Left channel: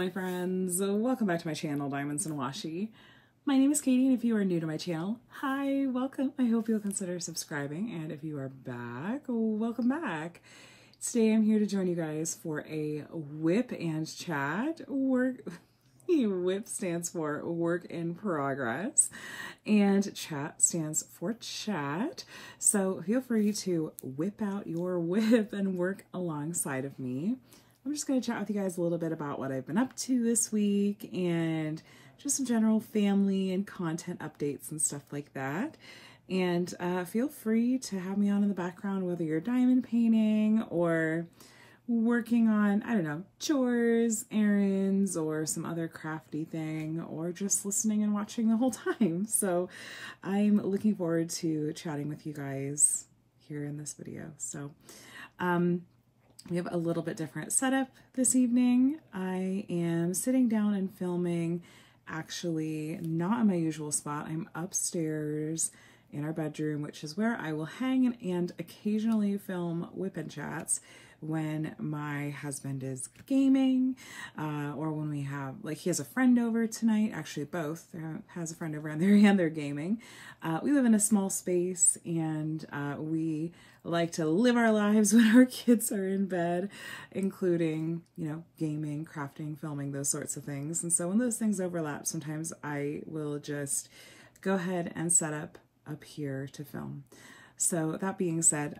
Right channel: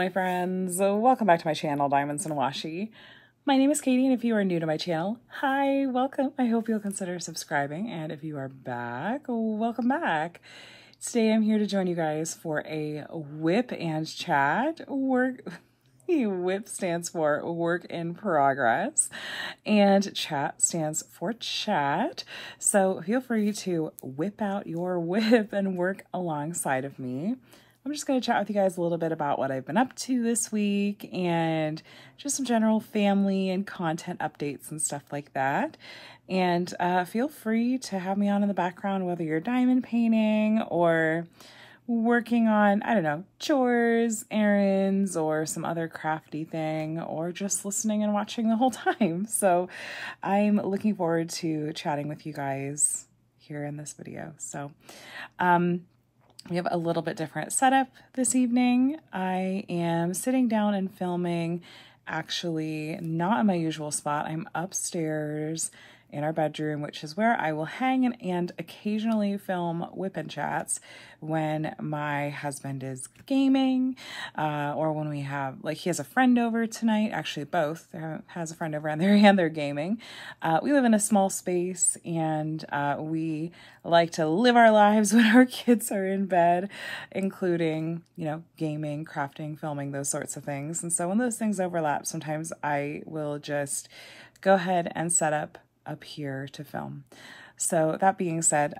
my friends, welcome back to my channel, Diamonds and Washi. My name is Katie, and if you are new to my channel, hi, welcome. I hope you'll consider subscribing, and if you are back, welcome back. Today I'm here to join you guys for a WIP and Chat. WIP stands for Work in Progress, and Chat stands for Chat. So feel free to whip out your WIP and work alongside of me. I'm just going to chat with you guys a little bit about what I've been up to this week and just some general family and content updates and stuff like that. And feel free to have me on in the background, whether you're diamond painting or working on, I don't know, chores, errands, or some other crafty thing, or just listening and watching the whole time. So I'm looking forward to chatting with you guys here in this video. So, we have a little bit different setup this evening. I am sitting down and filming, actually not in my usual spot. I'm upstairs in our bedroom, which is where I will hang and occasionally film WIP and Chats when my husband is gaming, or when we have, like, he has a friend over tonight, actually both, has a friend over and they're gaming. We live in a small space, and we like to live our lives when our kids are in bed, including, you know, gaming, crafting, filming, those sorts of things. And so when those things overlap, sometimes I will just go ahead and set up here to film. So that being said,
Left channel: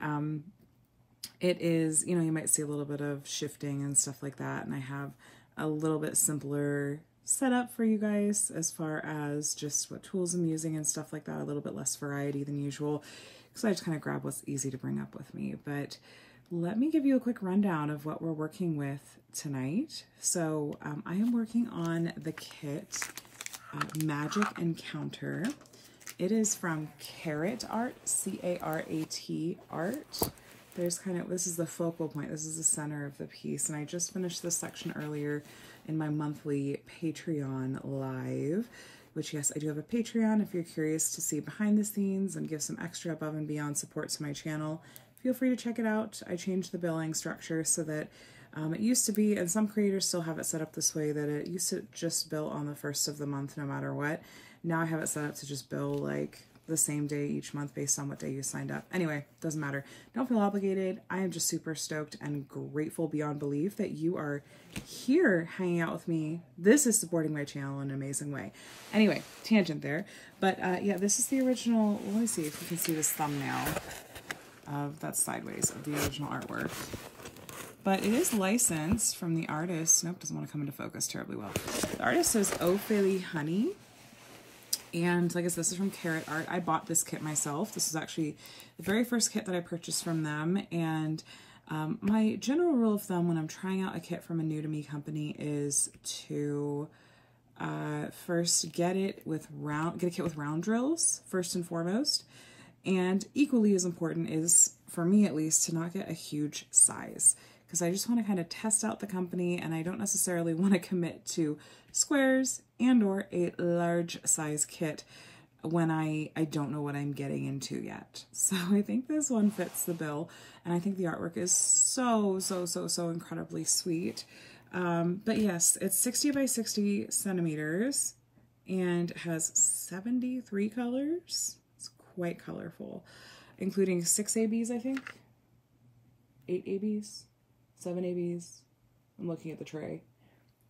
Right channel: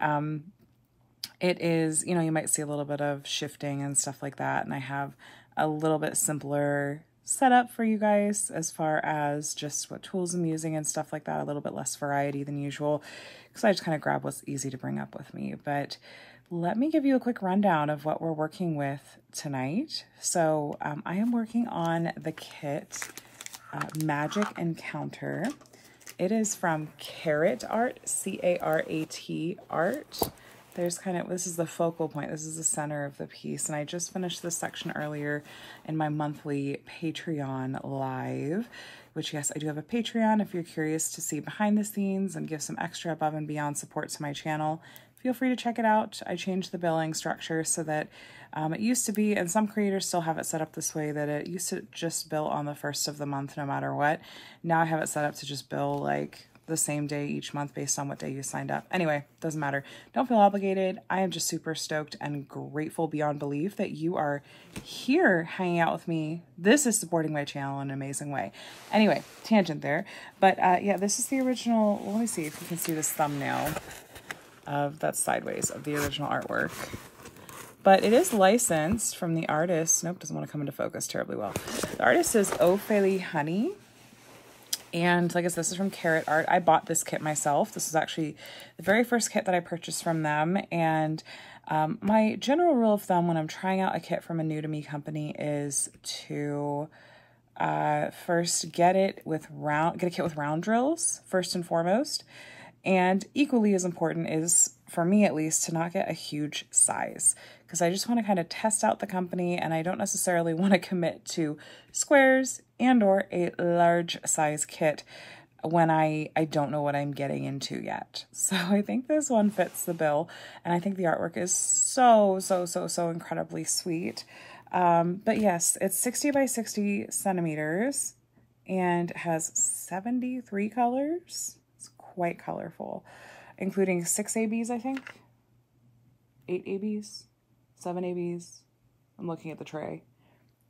it is, you know, you might see a little bit of shifting and stuff like that, and I have a little bit simpler setup for you guys as far as just what tools I'm using and stuff like that, a little bit less variety than usual, because I just kind of grab what's easy to bring up with me. But let me give you a quick rundown of what we're working with tonight. So I am working on the kit Magic Encounter. It is from Carat Art, C-A-R-A-T Art. There's kind of, this is the focal point, this is the center of the piece, and I just finished this section earlier in my monthly Patreon live, which, yes, I do have a Patreon. If you're curious to see behind the scenes and give some extra above and beyond support to my channel, feel free to check it out. I changed the billing structure so that it used to be, and some creators still have it set up this way, that it used to just bill on the first of the month no matter what. Now I have it set up to just bill like the same day each month based on what day you signed up. Anyway, doesn't matter. Don't feel obligated. I am just super stoked and grateful beyond belief that you are here hanging out with me. This is supporting my channel in an amazing way. Anyway, tangent there. But yeah, this is the original. Well, let me see if you can see this thumbnail that's sideways of the original artwork. But it is licensed from the artist. Nope, doesn't want to come into focus terribly well. The artist is Ophélie Honey. And like I said, this is from Carat Art. I bought this kit myself. This is actually the very first kit that I purchased from them. And my general rule of thumb when I'm trying out a kit from a new to me company is to first get a kit with round drills first and foremost. And equally as important is, for me at least, to not get a huge size, because I just want to kind of test out the company, and I don't necessarily want to commit to squares and or a large size kit when I don't know what I'm getting into yet. So I think this one fits the bill, and I think the artwork is so incredibly sweet. But yes, it's 60 by 60 centimeters and has 73 colors. It's quite colorful, including 6 ABs, I think, 8 ABs, 7 ABs. I'm looking at the tray.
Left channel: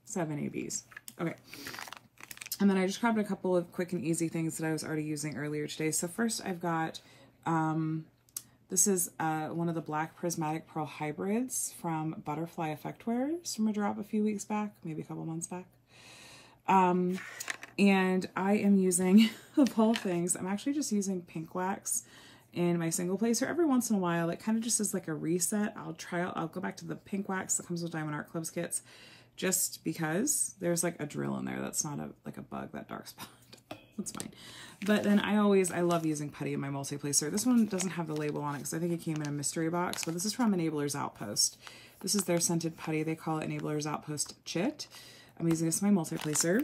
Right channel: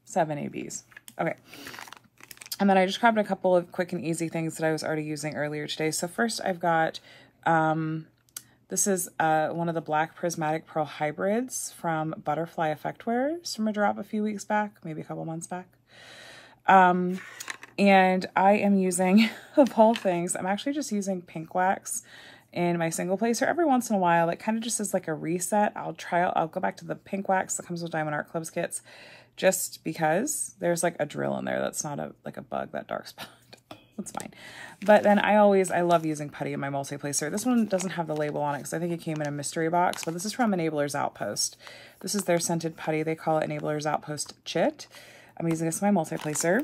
7 ABs. Okay. And then I just grabbed a couple of quick and easy things that I was already using earlier today. So first I've got, this is one of the black prismatic pearl hybrids from Butterfly Effectwares from a drop a few weeks back, maybe a couple months back. And I am using, of all things, I'm actually just using pink wax in my single placer every once in a while. It kind of just is like a reset. I'll go back to the pink wax that comes with Diamond Art Club's kits, just because there's like a drill in there. That's not like a bug, that dark spot. That's fine. But then I love using putty in my multi-placer. This one doesn't have the label on it because I think it came in a mystery box, but this is from Enabler's Outpost. This is their scented putty. They call it Enabler's Outpost Chit. I'm using this in my multi-placer.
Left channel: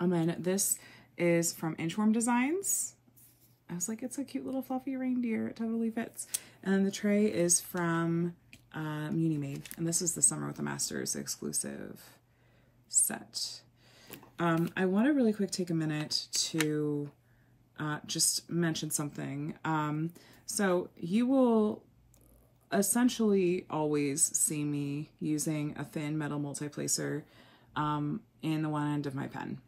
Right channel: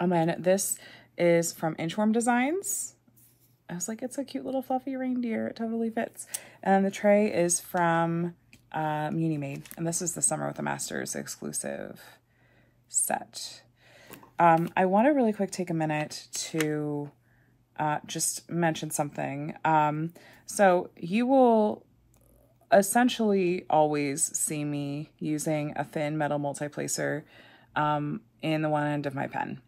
And then this is from Inchworm Designs. I was like, it's a cute little fluffy reindeer. It totally fits. And then the tray is from Muni Made. And this is the Summer with the Masters exclusive set. I want to really quick take a minute to just mention something. So you will essentially always see me using a thin metal multi-placer in the one end of my pen.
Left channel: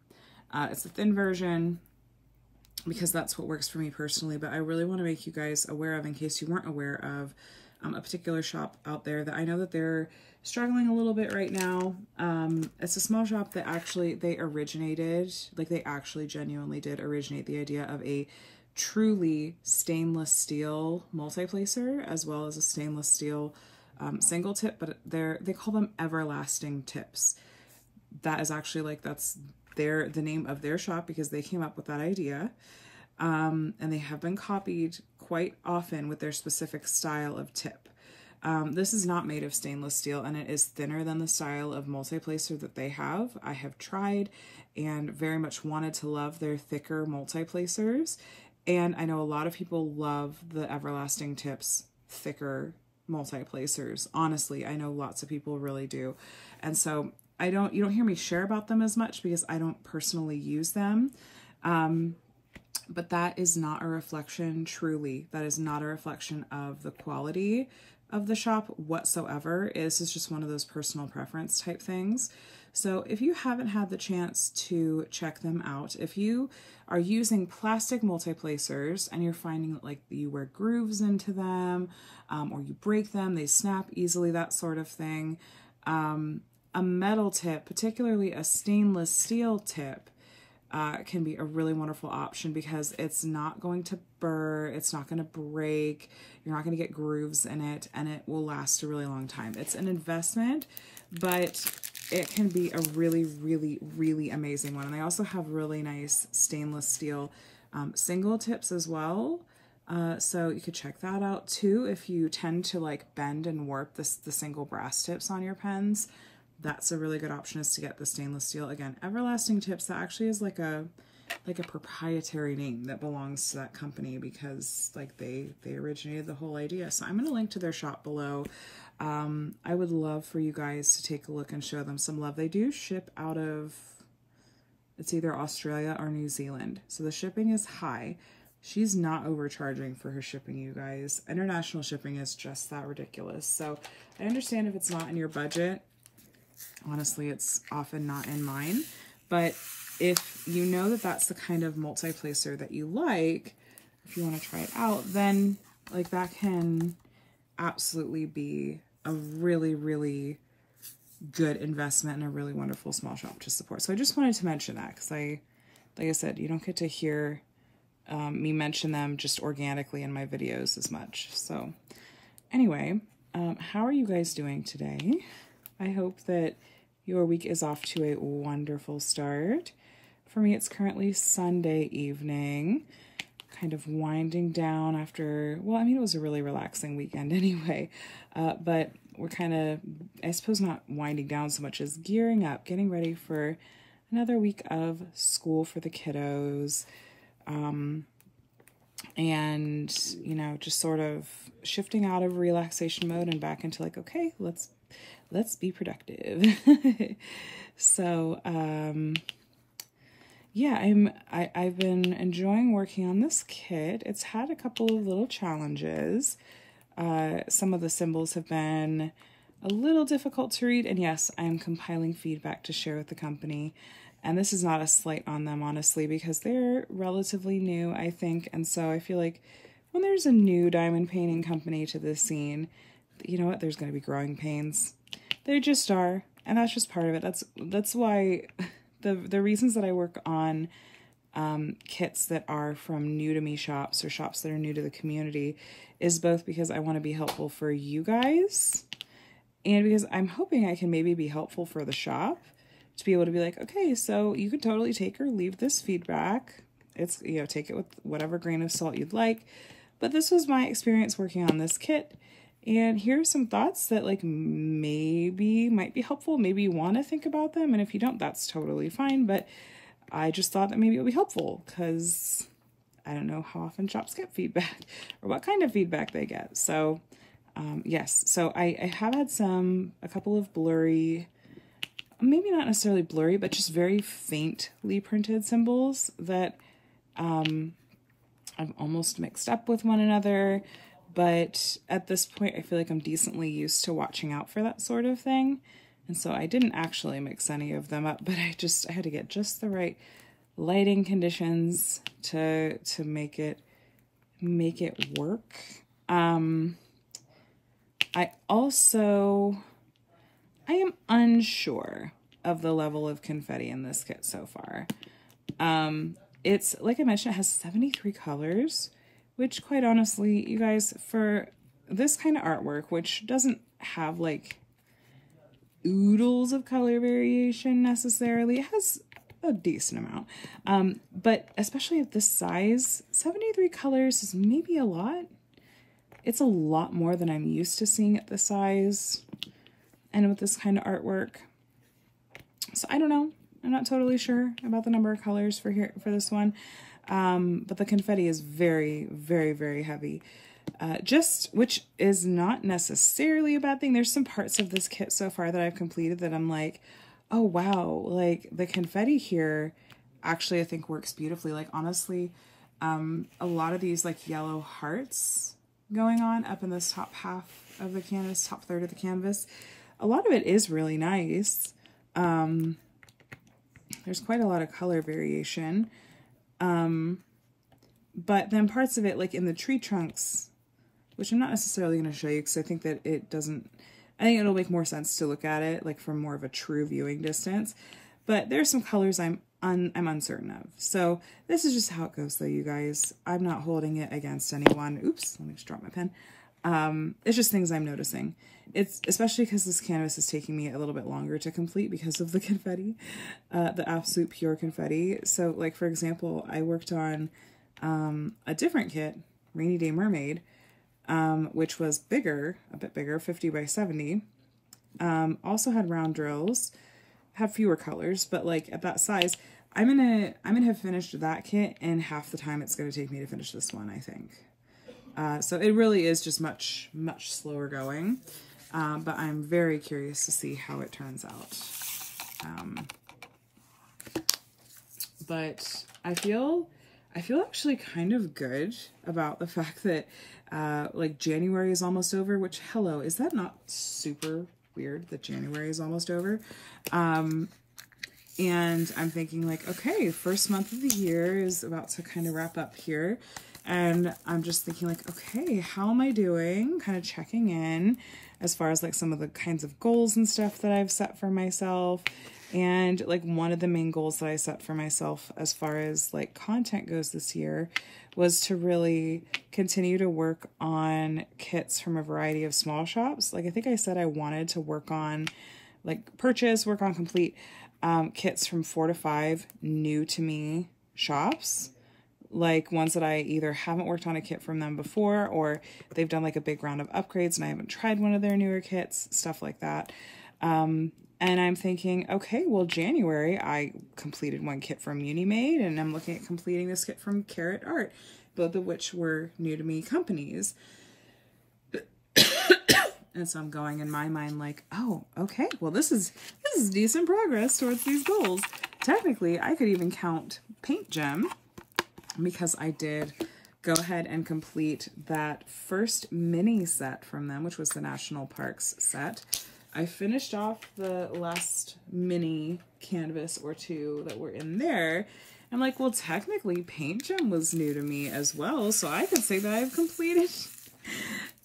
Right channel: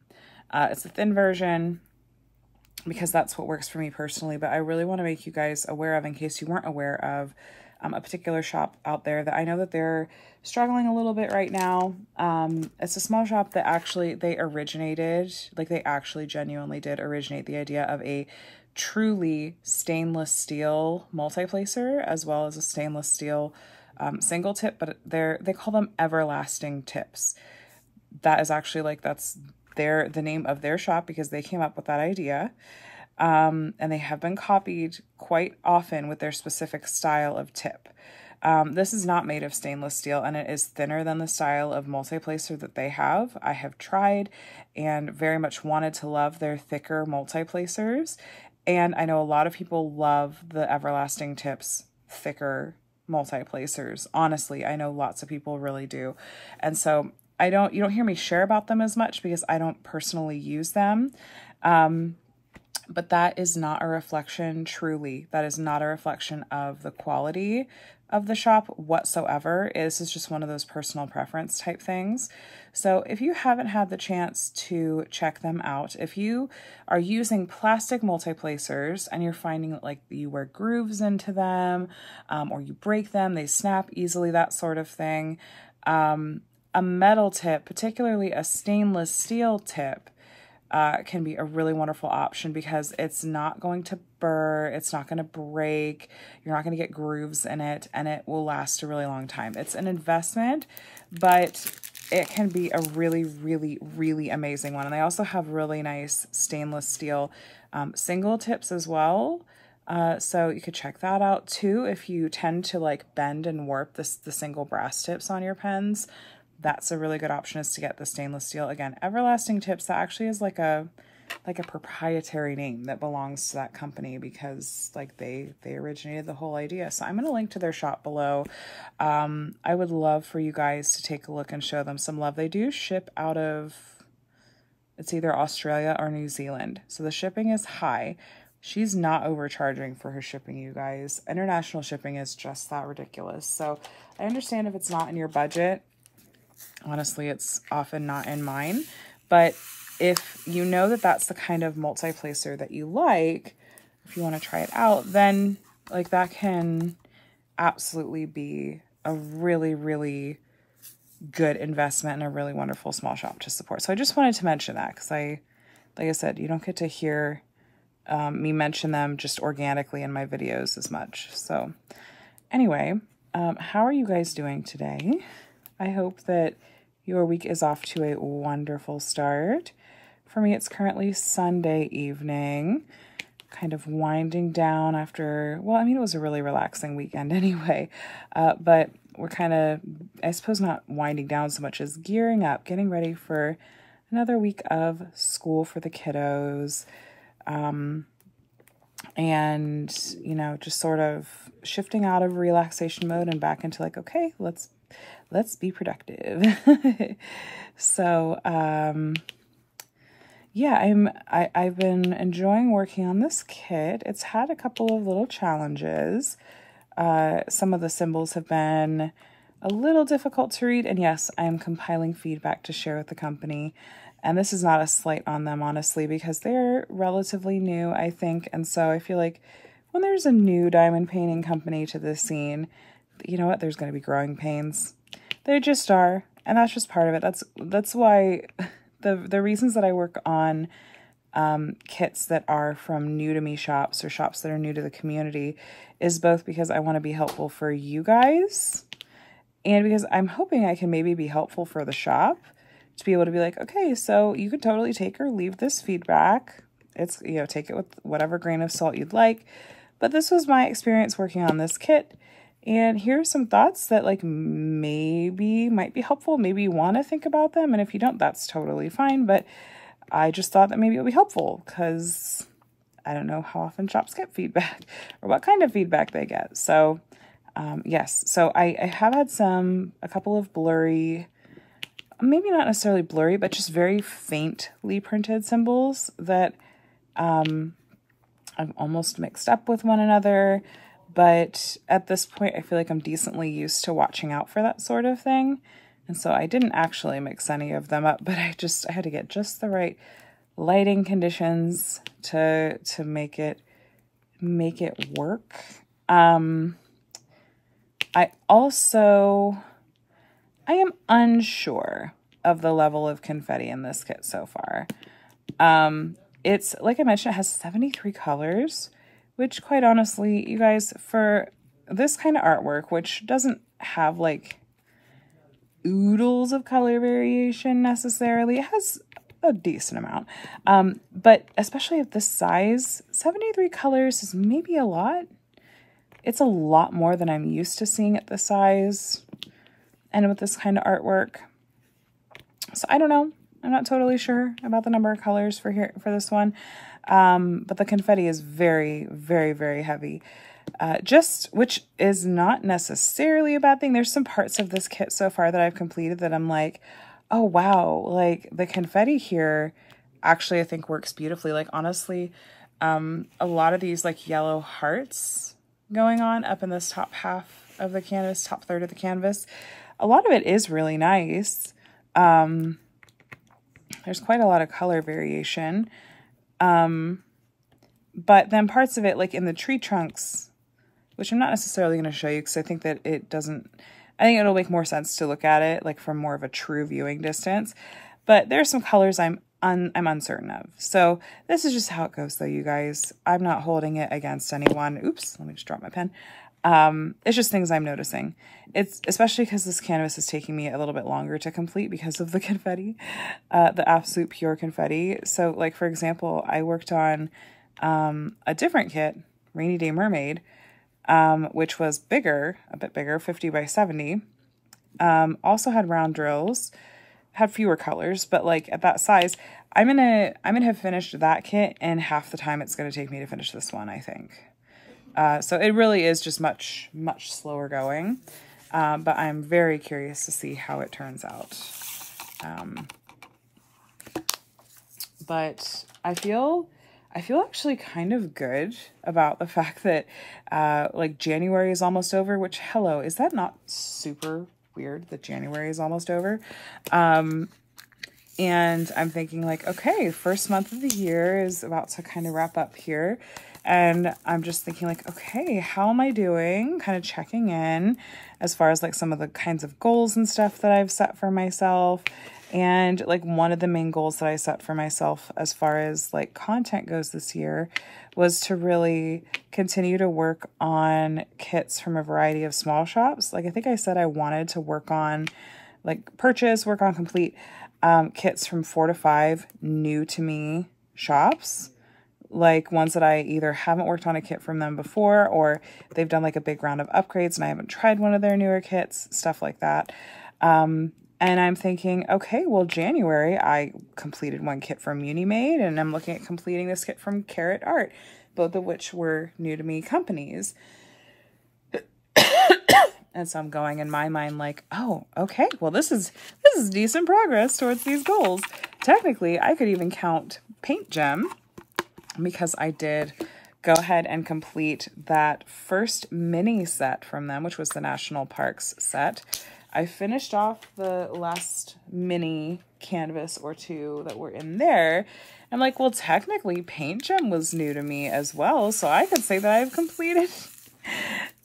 It's a thin version because that's what works for me personally, but I really want to make you guys aware of, in case you weren't aware of, a particular shop out there that I know that they're struggling a little bit right now. It's a small shop that actually, they actually genuinely did originate the idea of a truly stainless steel multi-placer, as well as a stainless steel single tip, but they call them everlasting tips. That is actually that's the name of their shop, because they came up with that idea. And they have been copied quite often with their specific style of tip. This is not made of stainless steel, and it is thinner than the style of multi-placer that they have. I have tried and very much wanted to love their thicker multi-placers. And I know a lot of people love the everlasting tips thicker multi-placers. Honestly, I know lots of people really do. And so you don't hear me share about them as much because I don't personally use them. But that is not a reflection, truly, that is not a reflection of the quality of the shop whatsoever. This is just one of those personal preference type things. So if you haven't had the chance to check them out, if you are using plastic multi-placers and you're finding that you wear grooves into them, or you break them, they snap easily, that sort of thing, a metal tip, particularly a stainless steel tip, can be a really wonderful option, because it's not going to burr, it's not going to break, you're not going to get grooves in it, and it will last a really long time. It's an investment, but it can be a really, really, really amazing one. And they also have really nice stainless steel single tips as well. So you could check that out too. If you tend to bend and warp the single brass tips on your pens, that's a really good option, is to get the stainless steel. Again, everlasting tips, that actually is like a proprietary name that belongs to that company, because they originated the whole idea. So I'm going to link to their shop below. I would love for you guys to take a look and show them some love. They do ship out of, it's either Australia or New Zealand, so the shipping is high. She's not overcharging for her shipping, you guys. International shipping is just that ridiculous. So I understand if it's not in your budget. Honestly, it's often not in mine, but if you know that that's the kind of multi-placer that you like, if you want to try it out, then that can absolutely be a really, really good investment and a really wonderful small shop to support. So I just wanted to mention that, because like I said, you don't get to hear me mention them just organically in my videos as much. So anyway, how are you guys doing today? I hope that your week is off to a wonderful start. For me, it's currently Sunday evening, kind of winding down after, well, I mean, it was a really relaxing weekend anyway, but we're kind of, I suppose, not winding down so much as gearing up, getting ready for another week of school for the kiddos, and, just sort of shifting out of relaxation mode and back into okay, let's be productive. So, yeah, I've been enjoying working on this kit. It's had a couple of little challenges. Some of the symbols have been a little difficult to read, and yes, I am compiling feedback to share with the company. And this is not a slight on them, honestly, because they're relatively new, I think. And so I feel like when there's a new diamond painting company to the scene, you know what, there's going to be growing pains. There just are, and that's just part of it. That's why the reasons that I work on kits that are from new to me shops, or shops that are new to the community, is both because I want to be helpful for you guys, and because I'm hoping I can maybe be helpful for the shop, to be able to be okay, so you could totally take or leave this feedback. It's, take it with whatever grain of salt you'd like, but this was my experience working on this kit. And here's some thoughts that maybe might be helpful. Maybe you want to think about them. And if you don't, that's totally fine. But I just thought that maybe it'll be helpful, because I don't know how often shops get feedback or what kind of feedback they get. So yes, so I have had a couple of blurry maybe not necessarily blurry, but just very faintly printed symbols that I've almost mixed up with one another. But at this point, I feel like I'm decently used to watching out for that sort of thing. And so I didn't actually mix any of them up, but I had to get just the right lighting conditions to make it work. I am unsure of the level of confetti in this kit so far. It's, like I mentioned, it has 73 colors, which quite honestly, you guys, for this kind of artwork, which doesn't have like oodles of color variation necessarily, it has a decent amount. But especially at this size, 73 colors is maybe a lot. It's a lot more than I'm used to seeing at this size and with this kind of artwork. So I don't know. I'm not totally sure about the number of colors for this one. But the confetti is very, very, very heavy. Which is not necessarily a bad thing. There's some parts of this kit so far that I've completed that I'm like, oh wow, like the confetti here actually I think works beautifully. Like honestly, a lot of these like yellow hearts going on up in this top half of the canvas, top third of the canvas, a lot of it is really nice. There's quite a lot of color variation. But then parts of it, like in the tree trunks, which I'm not necessarily going to show you because I think that I think it'll make more sense to look at it like from more of a true viewing distance. But there's some colors I'm uncertain of. So this is just how it goes though, you guys. I'm not holding it against anyone. Oops, let me just drop my pen. It's just things I'm noticing. It's especially because this canvas is taking me a little bit longer to complete because of the confetti, the absolute pure confetti. So like, for example, I worked on a different kit, Rainy Day Mermaid, which was bigger, a bit bigger, 50 by 70. Also had round drills, had fewer colors, but like at that size, I'm gonna have finished that kit in half the time it's gonna take me to finish this one, I think. So it really is just much, much slower going. But I'm very curious to see how it turns out. But I feel actually kind of good about the fact that, like January is almost over, which hello, is that not super weird that January is almost over? And I'm thinking like, okay, first month of the year is about to kind of wrap up here. And I'm just thinking like, okay, how am I doing? Kind of checking in as far as like some of the kinds of goals and stuff that I've set for myself. And like one of the main goals that I set for myself as far as like content goes this year was to really continue to work on kits from a variety of small shops. Like I think I said I wanted to work on work on complete kits from 4 to 5 new to me shops. Like ones that I either haven't worked on a kit from them before, or they've done like a big round of upgrades and I haven't tried one of their newer kits, stuff like that. And I'm thinking, okay, well, January, I completed one kit from Unimade, and I'm looking at completing this kit from Carrot Art, both of which were new to me companies. And so I'm going in my mind like, oh, okay, well, this is decent progress towards these goals. Technically, I could even count Paint Gem, because I did go ahead and complete that first mini set from them, which was the National Parks set. I finished off the last mini canvas or two that were in there. I'm like, well, technically Paint Gem was new to me as well. So I could say that I've completed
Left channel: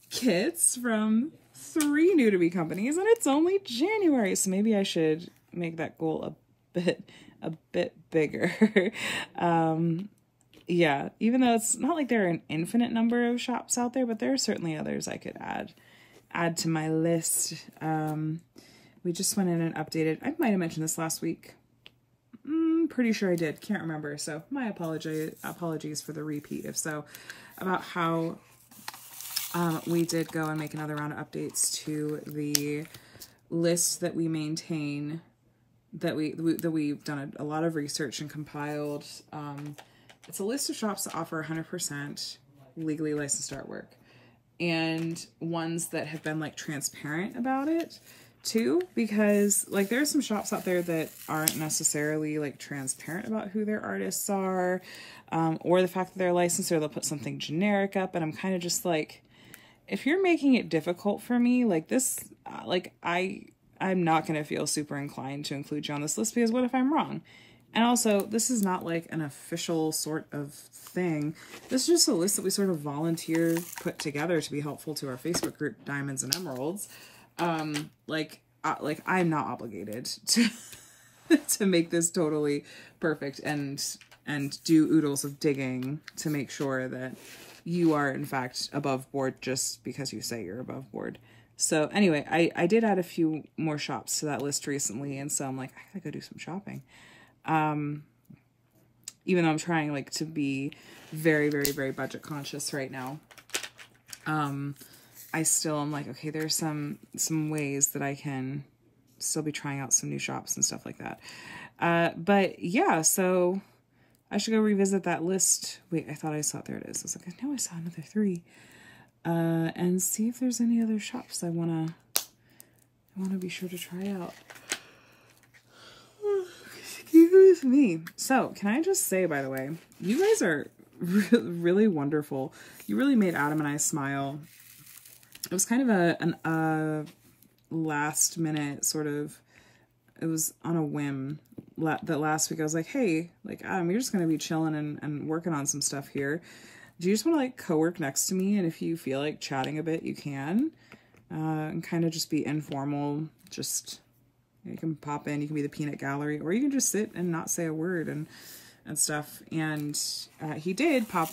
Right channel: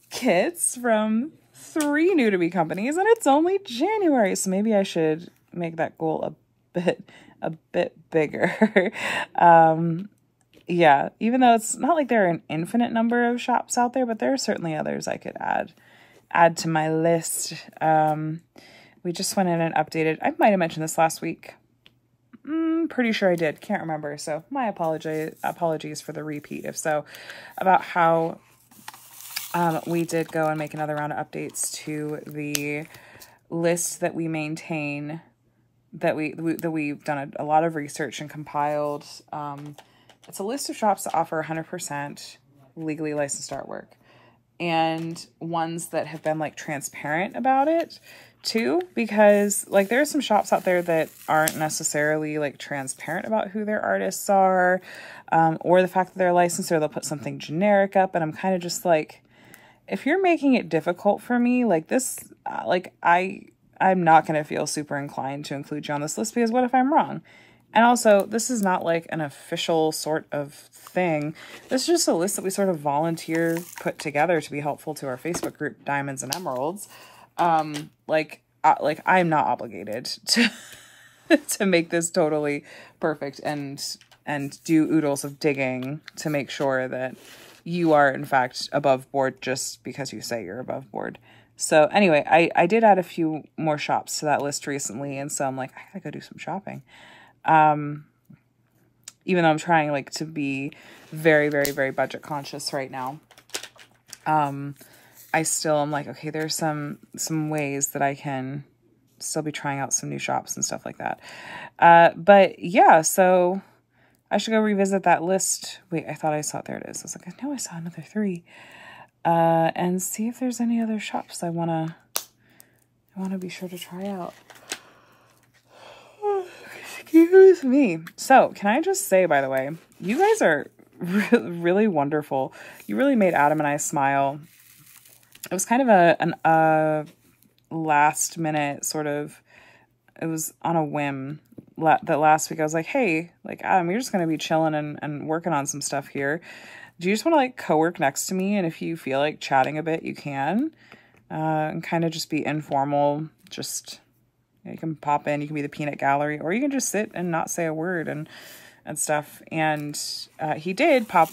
kits from 3 new to me companies, and it's only January. So maybe I should make that goal a bit bigger. Yeah, even though it's not like there are an infinite number of shops out there, but there are certainly others I could add to my list. We just went in and updated. I might have mentioned this last week. Pretty sure I did. Can't remember. So my apologies for the repeat, if so, about how we did go and make another round of updates to the list that we maintain, that we've done a lot of research and compiled. It's a list of shops that offer 100% legally licensed artwork, and ones that have been like transparent about it too, because like there are some shops out there that aren't necessarily like transparent about who their artists are, or the fact that they're licensed, or they'll put something generic up. And I'm kind of just like, if you're making it difficult for me, like this, like I'm not going to feel super inclined to include you on this list, because what if I'm wrong? And also, this is not like an official sort of thing. This is just a list that we sort of volunteer put together to be helpful to our Facebook group, Diamonds and Emeralds. Like I'm not obligated to to make this totally perfect and do oodles of digging to make sure that you are in fact above board just because you say you're above board. So anyway, I did add a few more shops to that list recently, and so I'm like, I gotta go do some shopping. Even though I'm trying like to be very, very, very budget conscious right now. I still am like, okay, there's some ways that I can still be trying out some new shops and stuff like that. But yeah, so I should go revisit that list. Wait, I thought I saw it. There it is. I was like, I know I saw another 3. And see if there's any other shops I wanna be sure to try out. Excuse me. So, can I just say, by the way, you guys are really wonderful. You really made Adam and I smile. It was kind of a last minute sort of, it was on a whim that last week I was like, hey, like Adam, you're just going to be chilling and working on some stuff here. Do you just want to like co-work next to me? And if you feel like chatting a bit, you can, and kind of just be informal. Just, you can pop in, you can be the peanut gallery, or you can just sit and not say a word and stuff. And he did pop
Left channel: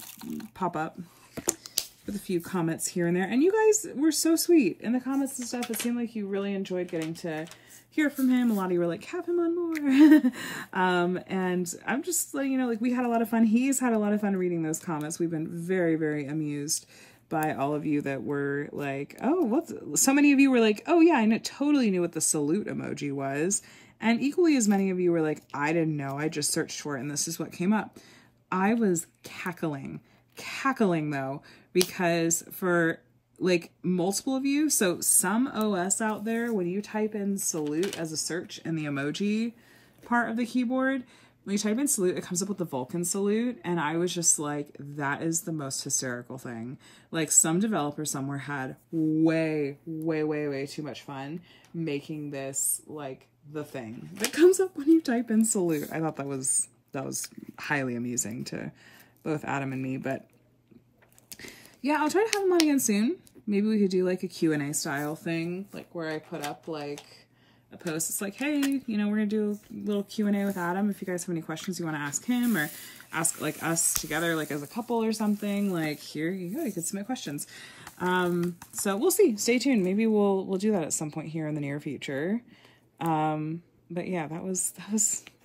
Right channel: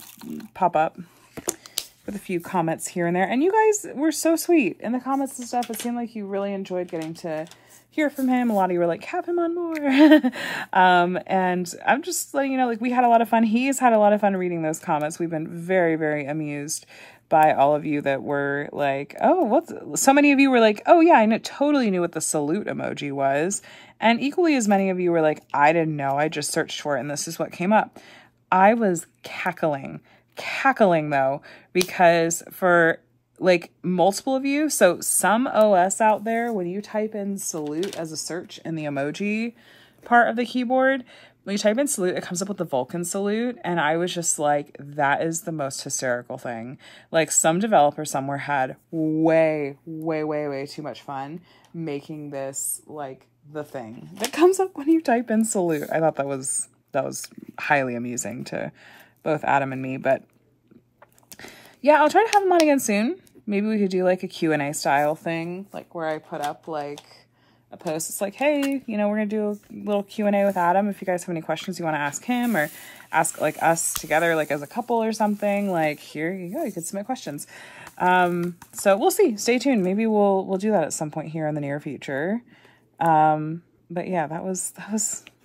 up with a few comments here and there. And you guys were so sweet in the comments and stuff. It seemed like you really enjoyed getting to hear from him. A lot of you were like, have him on more. And I'm just letting you know, like, we had a lot of fun. He's had a lot of fun reading those comments. We've been very, very amused by all of you that were like, oh, so many of you were like, oh yeah, totally knew what the salute emoji was. And equally as many of you were like, I didn't know, I just searched for it and this is what came up. I was cackling though, because for like multiple of you, so some OS out there, when you type in salute as a search in the emoji part of the keyboard, when you type in salute, it comes up with the Vulcan salute. And I was just like, that is the most hysterical thing. Like some developer somewhere had way too much fun making this like the thing that comes up when you type in salute. I thought that was highly amusing to both Adam and me. But yeah, I'll try to have him on again soon. Maybe we could do like a Q&A style thing, like where I put up like a post. It's like, hey, you know, we're gonna do a little Q&A with Adam. If you guys have any questions you want to ask him, or ask like us together, like as a couple or something, like here you go, you could submit questions. So we'll see. Stay tuned. Maybe we'll do that at some point here in the near future. But yeah, that was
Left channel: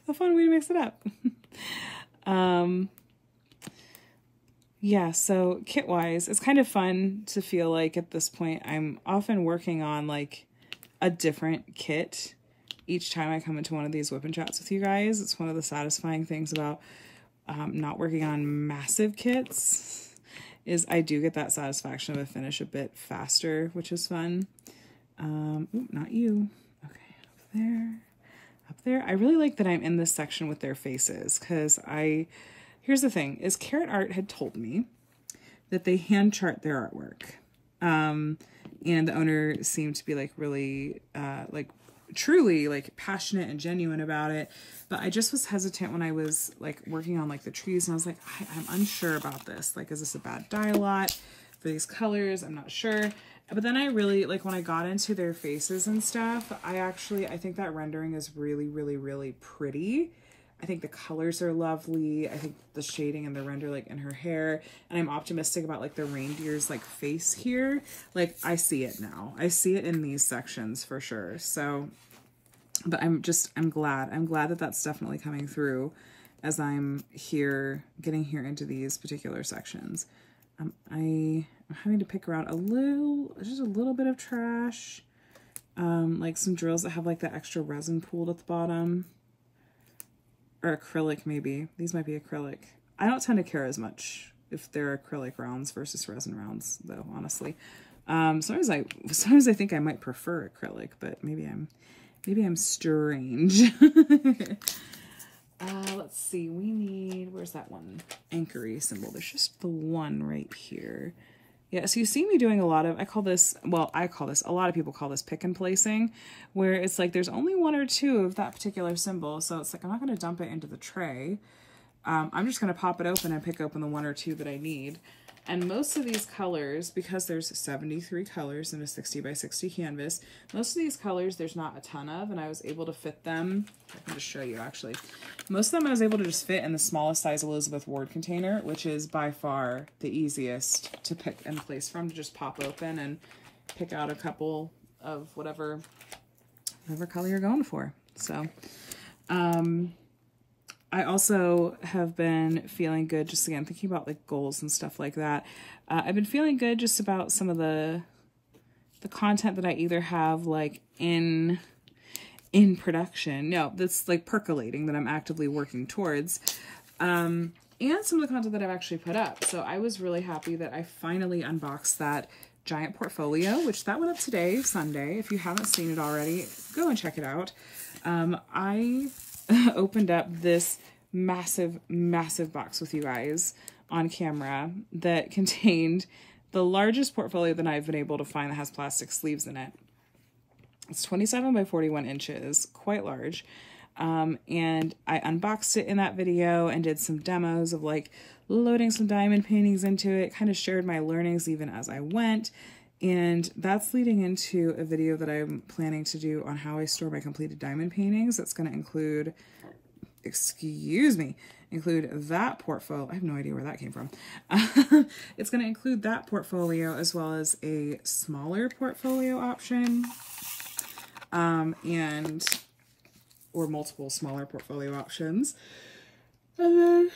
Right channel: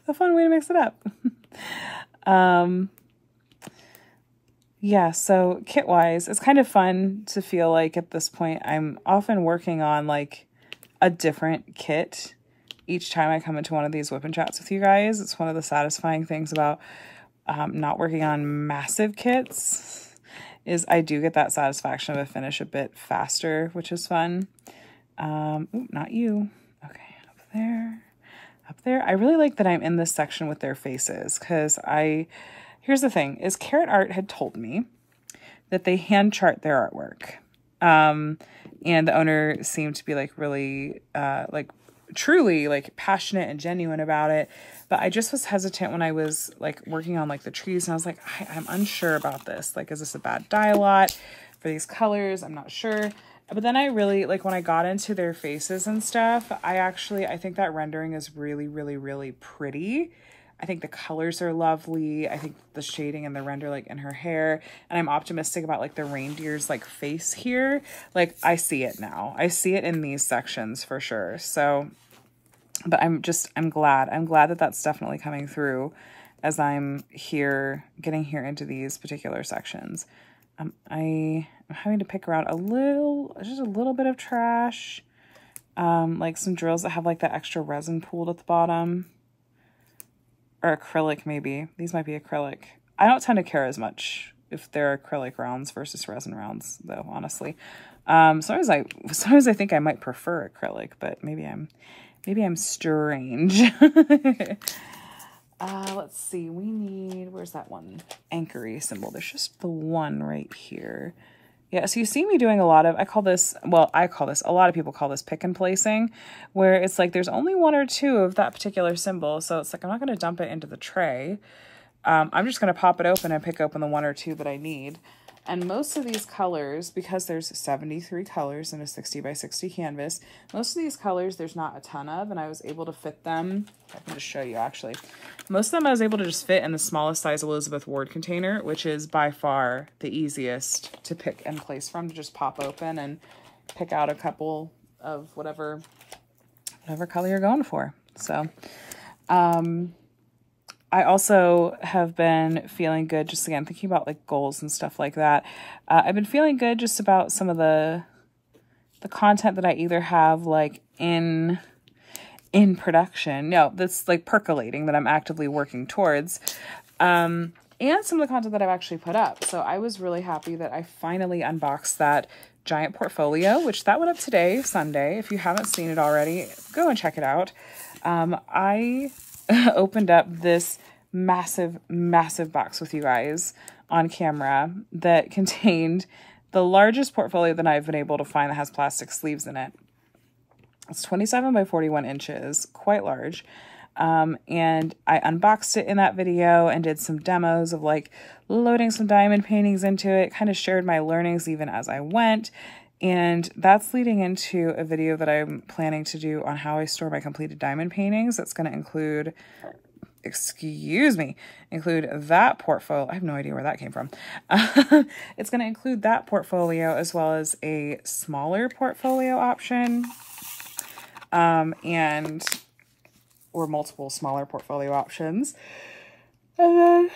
a fun way to mix it up. Yeah, so kit-wise, it's kind of fun to feel like at this point I'm often working on like a different kit each time I come into one of these WIP and Chats with you guys. It's one of the satisfying things about not working on massive kits is I do get that satisfaction of a finish a bit faster, which is fun. Ooh, not you. Okay, up there. I really like that I'm in this section with their faces, because here's the thing, is Carrot Art had told me that they hand chart their artwork. And the owner seemed to be like really, like truly like passionate and genuine about it. But I just was hesitant when I was like working on like the trees, and I was like, I'm unsure about this. Like, is this a bad dye lot for these colors? I'm not sure. But then I really, like when I got into their faces and stuff, I think that rendering is really pretty. I think the colors are lovely. I think the shading and the render like in her hair, and I'm optimistic about like the reindeer's like face here. Like I see it now. I see it in these sections for sure. So, but I'm glad that that's definitely coming through as I'm getting here into these particular sections. I'm having to pick around just a little bit of trash. Like some drills that have like that extra resin pooled at the bottom. Or acrylic, maybe. These might be acrylic. I don't tend to care as much if they're acrylic rounds versus resin rounds, though, honestly. Sometimes I think I might prefer acrylic, but maybe I'm strange. Let's see, we need, where's that one anchory symbol? There's just the one right here. Yeah, so you see me doing a lot of, a lot of people call this pick and placing, where it's like there's only one or two of that particular symbol. So it's like, I'm not going to dump it into the tray. I'm just going to pop it open and pick open the one or two that I need. And most of these colors, because there's 73 colors in a 60 by 60 canvas, most of these colors there's not a ton of, and I was able to fit them. I can just show you actually. Most of them I was able to just fit in the smallest size Elizabeth Ward container, which is by far the easiest to pick and place from, to just pop open and pick out a couple of whatever color you're going for. So, I also have been feeling good, just again, thinking about like goals and stuff like that. I've been feeling good just about some of the content that I either have like in production, that's like percolating, that I'm actively working towards, and some of the content that I've actually put up. So I was really happy that I finally unboxed that giant portfolio, which that went up today, Sunday. If you haven't seen it already, go and check it out. I opened up this massive box with you guys on camera that contained the largest portfolio that I've been able to find that has plastic sleeves in it. It's 27 by 41 inches, quite large. And I unboxed it in that video and did some demos of like loading some diamond paintings into it, kind of shared my learnings even as I went. And that's leading into a video that I'm planning to do on how I store my completed diamond paintings. That's going to include, include that portfolio. I have no idea where that came from. It's going to include that portfolio as well as a smaller portfolio option. Or multiple smaller portfolio options. And then,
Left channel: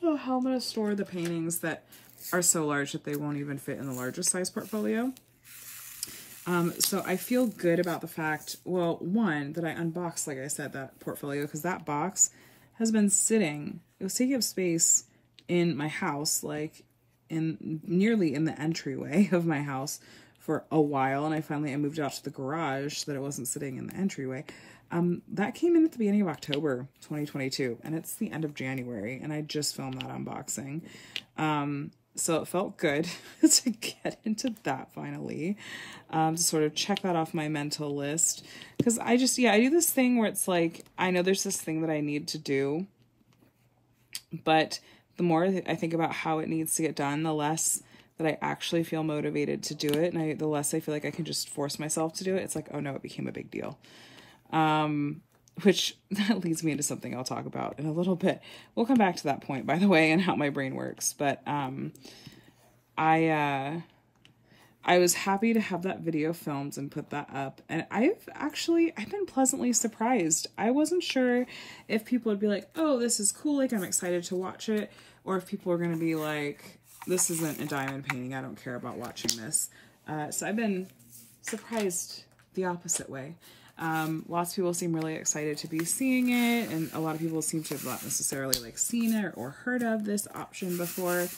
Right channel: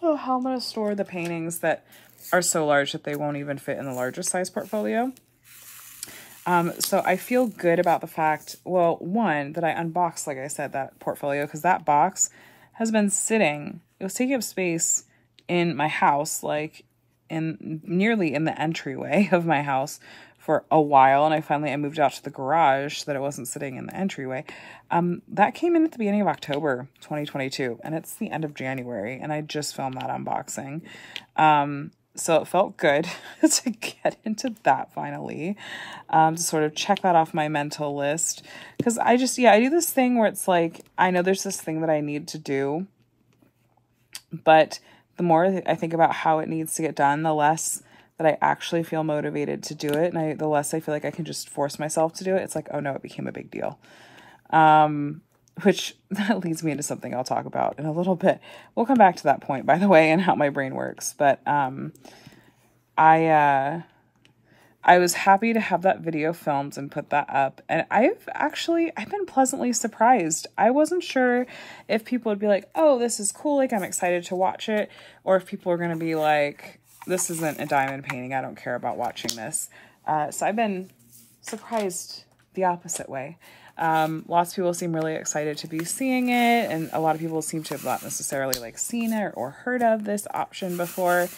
how I'm going to store the paintings that are so large that they won't even fit in the largest size portfolio. So I feel good about the fact, well, one, that I unboxed, like I said, that portfolio, because that box has been sitting, it was taking up space in my house, like nearly in the entryway of my house for a while. And I moved out to the garage so that it wasn't sitting in the entryway. That came in at the beginning of October 2022, and it's the end of January, and I just filmed that unboxing. So it felt good to get into that finally, to sort of check that off my mental list. Because I do this thing where it's like, I know there's this thing that I need to do, but the more I think about how it needs to get done, the less that I actually feel motivated to do it. And the less I feel like I can just force myself to do it. It's like, oh no, it became a big deal. Which that leads me into something I'll talk about in a little bit. We'll come back to that point, by the way, and how my brain works. But I was happy to have that video filmed and put that up. And I've been pleasantly surprised. I wasn't sure if people would be like, oh, this is cool, like I'm excited to watch it. Or if people are going to be like, this isn't a diamond painting, I don't care about watching this. So I've been surprised the opposite way. Lots of people seem really excited to be seeing it, and a lot of people seem to have not necessarily like seen it or heard of this option before.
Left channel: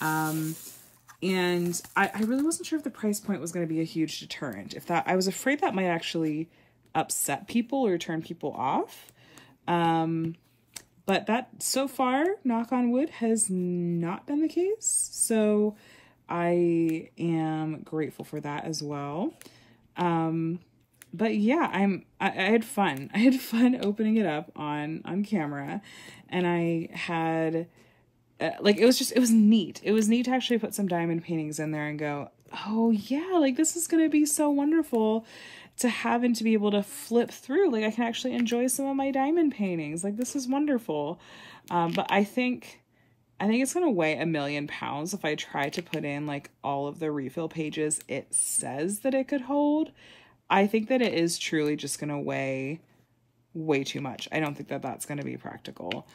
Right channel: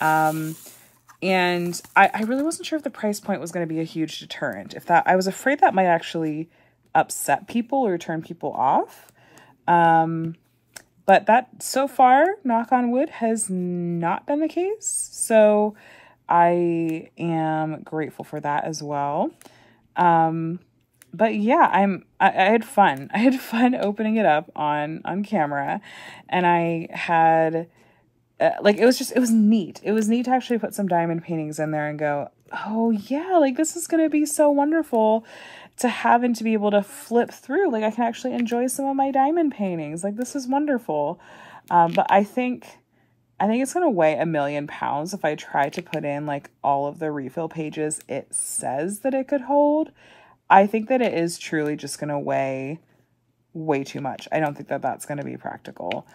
And I really wasn't sure if the price point was going to be a huge deterrent. I was afraid that might actually upset people or turn people off. But that so far, knock on wood, has not been the case. So I am grateful for that as well. But yeah, I had fun. I had fun opening it up on camera, and I had, it was neat. It was neat to actually put some diamond paintings in there and go, oh yeah, like this is going to be so wonderful to have and to be able to flip through. Like I can actually enjoy some of my diamond paintings. Like this is wonderful. But I think it's going to weigh 1,000,000 pounds if I try to put in like all of the refill pages it says that it could hold. I think that it is truly just going to weigh way too much. I don't think that that's going to be practical.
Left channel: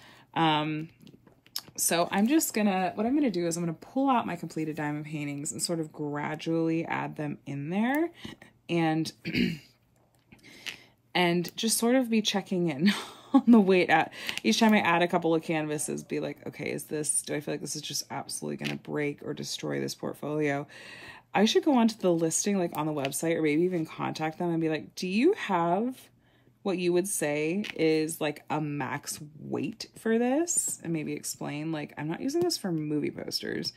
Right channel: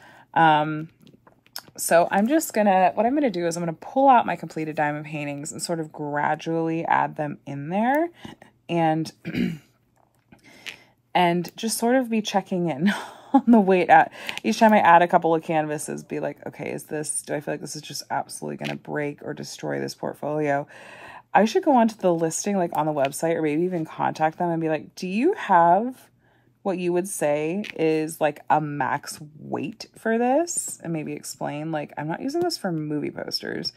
So what I'm going to do is I'm going to pull out my completed diamond paintings and sort of gradually add them in there and, and just sort of be checking in on the weight at each time I add a couple of canvases, be like, okay, do I feel like this is just absolutely going to break or destroy this portfolio? I should go onto the listing, like on the website, or maybe even contact them and be like, do you have what you would say is like a max weight for this? And maybe explain, like, I'm not using this for movie posters.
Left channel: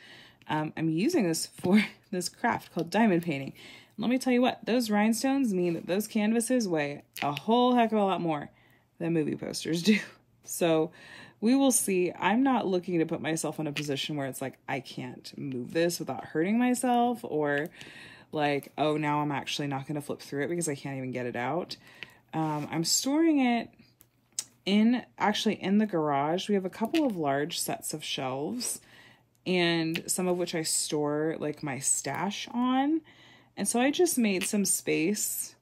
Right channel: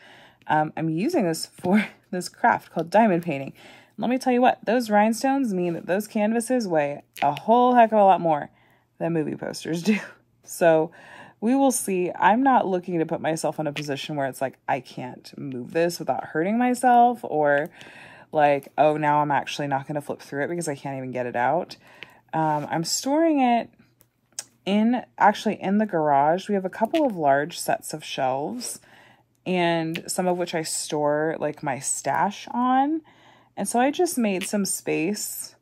I'm using this for this craft called diamond painting. Let me tell you what, those rhinestones mean that those canvases weigh a whole heck of a lot more than movie posters do. So we will see. I'm not looking to put myself in a position where it's like, I can't move this without hurting myself, or like, oh, now I'm actually not going to flip through it because I can't even get it out. I'm storing it actually in the garage. We have a couple of large sets of shelves, and some of which I store like my stash on. And so I just made some space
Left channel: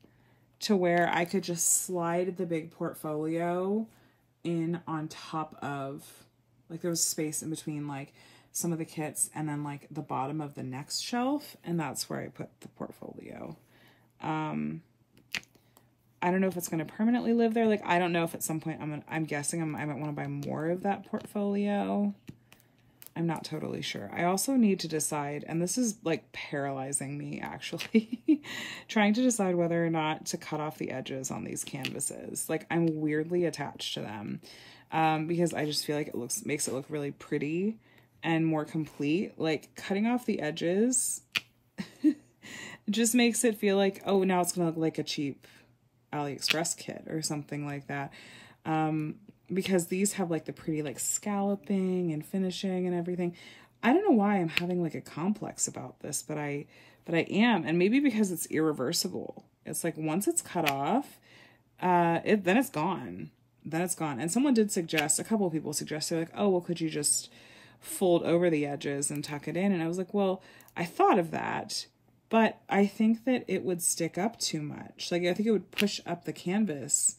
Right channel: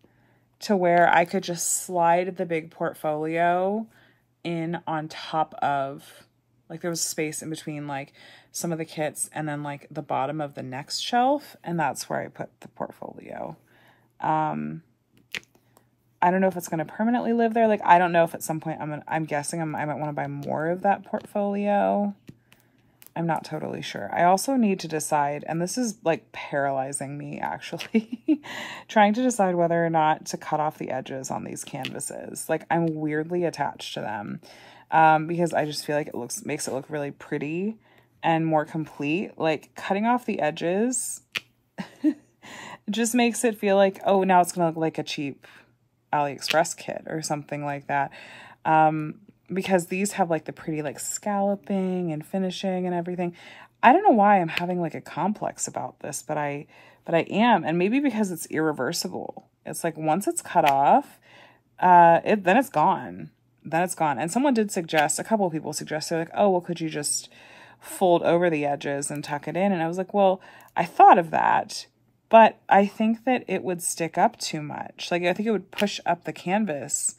to where I could just slide the big portfolio in on top of, like, there was space in between like some of the kits and then like the bottom of the next shelf, and that's where I put the portfolio. I don't know if it's going to permanently live there. Like, I don't know if at some point I'm guessing I might want to buy more of that portfolio. I'm not totally sure. I also need to decide, and this is like paralyzing me actually, trying to decide whether or not to cut off the edges on these canvases. Like, I'm weirdly attached to them because I just feel like it makes it look really pretty and more complete. Like, cutting off the edges just makes it feel like, oh, now it's going to look like a cheap AliExpress kit or something like that. Because these have like the pretty like scalloping and finishing and everything. I don't know why I'm having like a complex about this, but I am. And maybe because it's irreversible. It's like once it's cut off, then it's gone. Then it's gone. And someone did suggest, a couple of people suggested, like, oh, well, could you just fold over the edges and tuck it in? And I was like, well, I thought of that, but I think that it would stick up too much. Like, I think it would push up the canvas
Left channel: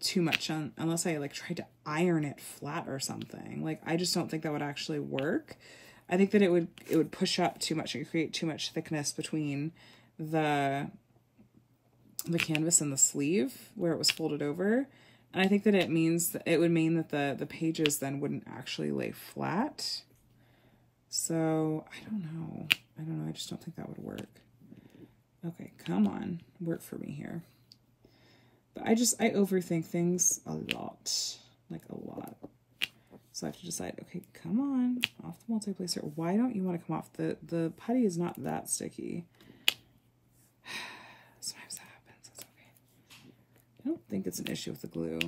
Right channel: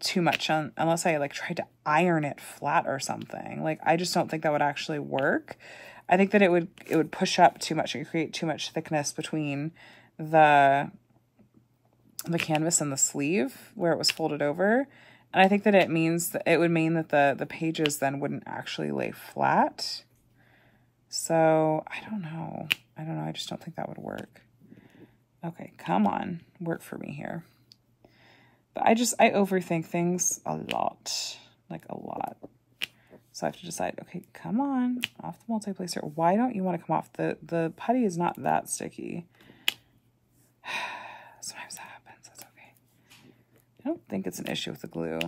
too much unless I like tried to iron it flat or something. Like, I just don't think that would actually work. I think that it would push up too much and create too much thickness between the canvas and the sleeve where it was folded over. And I think that it would mean that the pages then wouldn't actually lay flat. So I don't know. I just don't think that would work. Okay, come on, work for me here. But I overthink things a lot, like a lot. So I have to decide, okay, come on, off the multiplacer. Why don't you want to come off? The putty is not that sticky. Sometimes that happens, that's okay. I don't think it's an issue with the glue.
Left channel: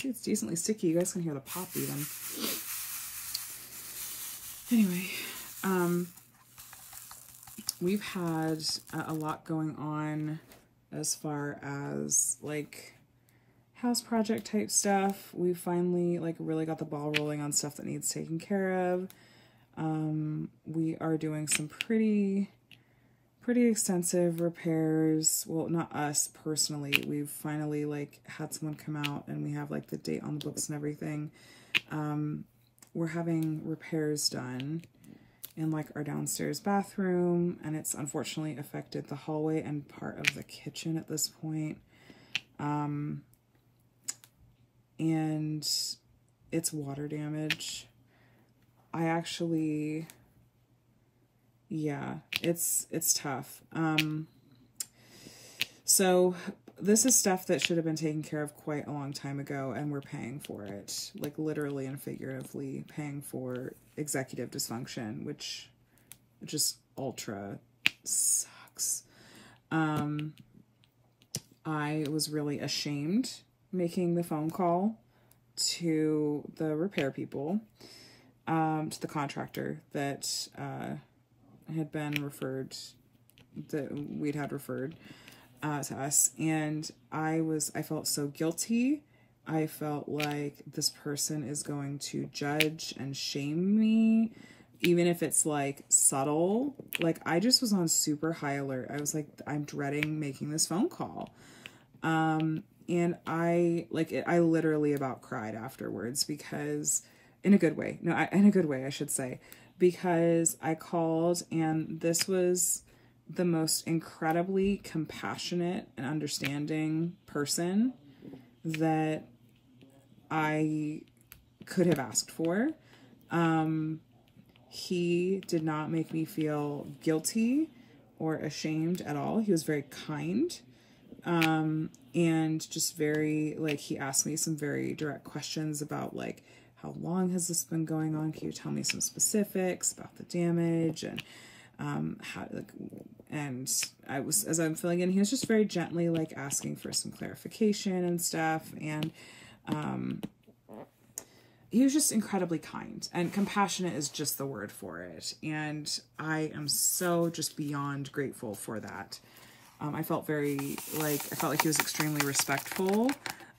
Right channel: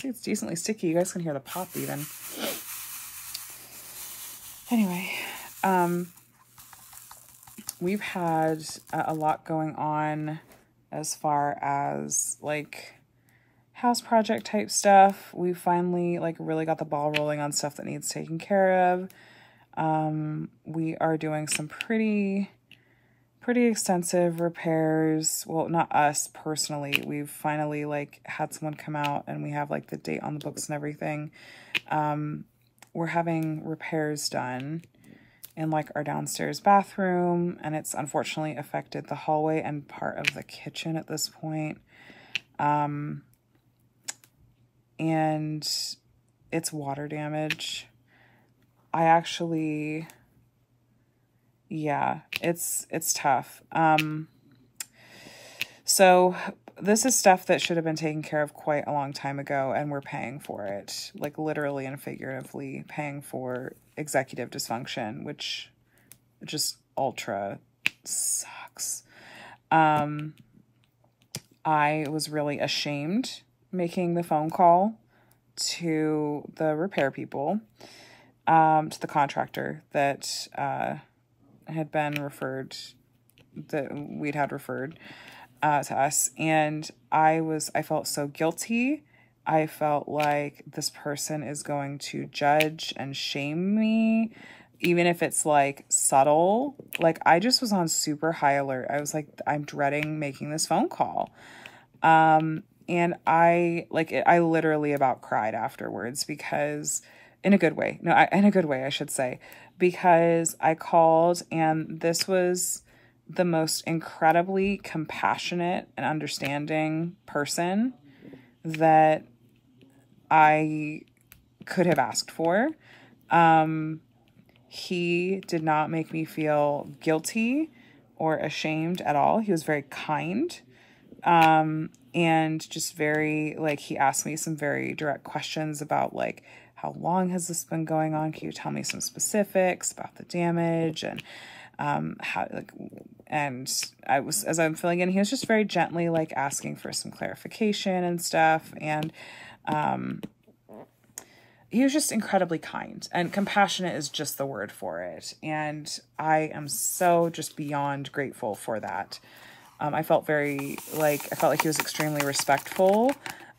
See, it's decently sticky. You guys can hear the pop even. Anyway, we've had a lot going on as far as like house project type stuff. We finally like really got the ball rolling on stuff that needs taken care of. We are doing some pretty extensive repairs. Well, not us personally. We've finally like had someone come out and we have like the date on the books and everything. We're having repairs done in like our downstairs bathroom, and it's unfortunately affected the hallway and part of the kitchen at this point. And it's water damage. Yeah, it's tough. So this is stuff that should have been taken care of quite a long time ago, and we're paying for it, like literally and figuratively paying for executive dysfunction, which just ultra sucks. I was really ashamed making the phone call to the repair people, to the contractor that had been referred, that we'd had referred to us, and I felt so guilty. I felt like this person is going to judge and shame me, even if it's like subtle. Like, I just was on super high alert. I was like, I'm dreading making this phone call. And I literally about cried afterwards, because in a good way, in a good way, I should say, because I called and this was the most incredibly compassionate and understanding person that I could have asked for. he did not make me feel guilty or ashamed at all. He was very kind. And just very, like, he asked me some very direct questions about, like, how long has this been going on? Can you tell me some specifics about the damage? And, how, like, and as I'm filling in, he was just very gently, like, asking for some clarification and stuff. And, he was just incredibly kind, and compassionate is just the word for it. And I am so just beyond grateful for that. I felt like he was extremely respectful.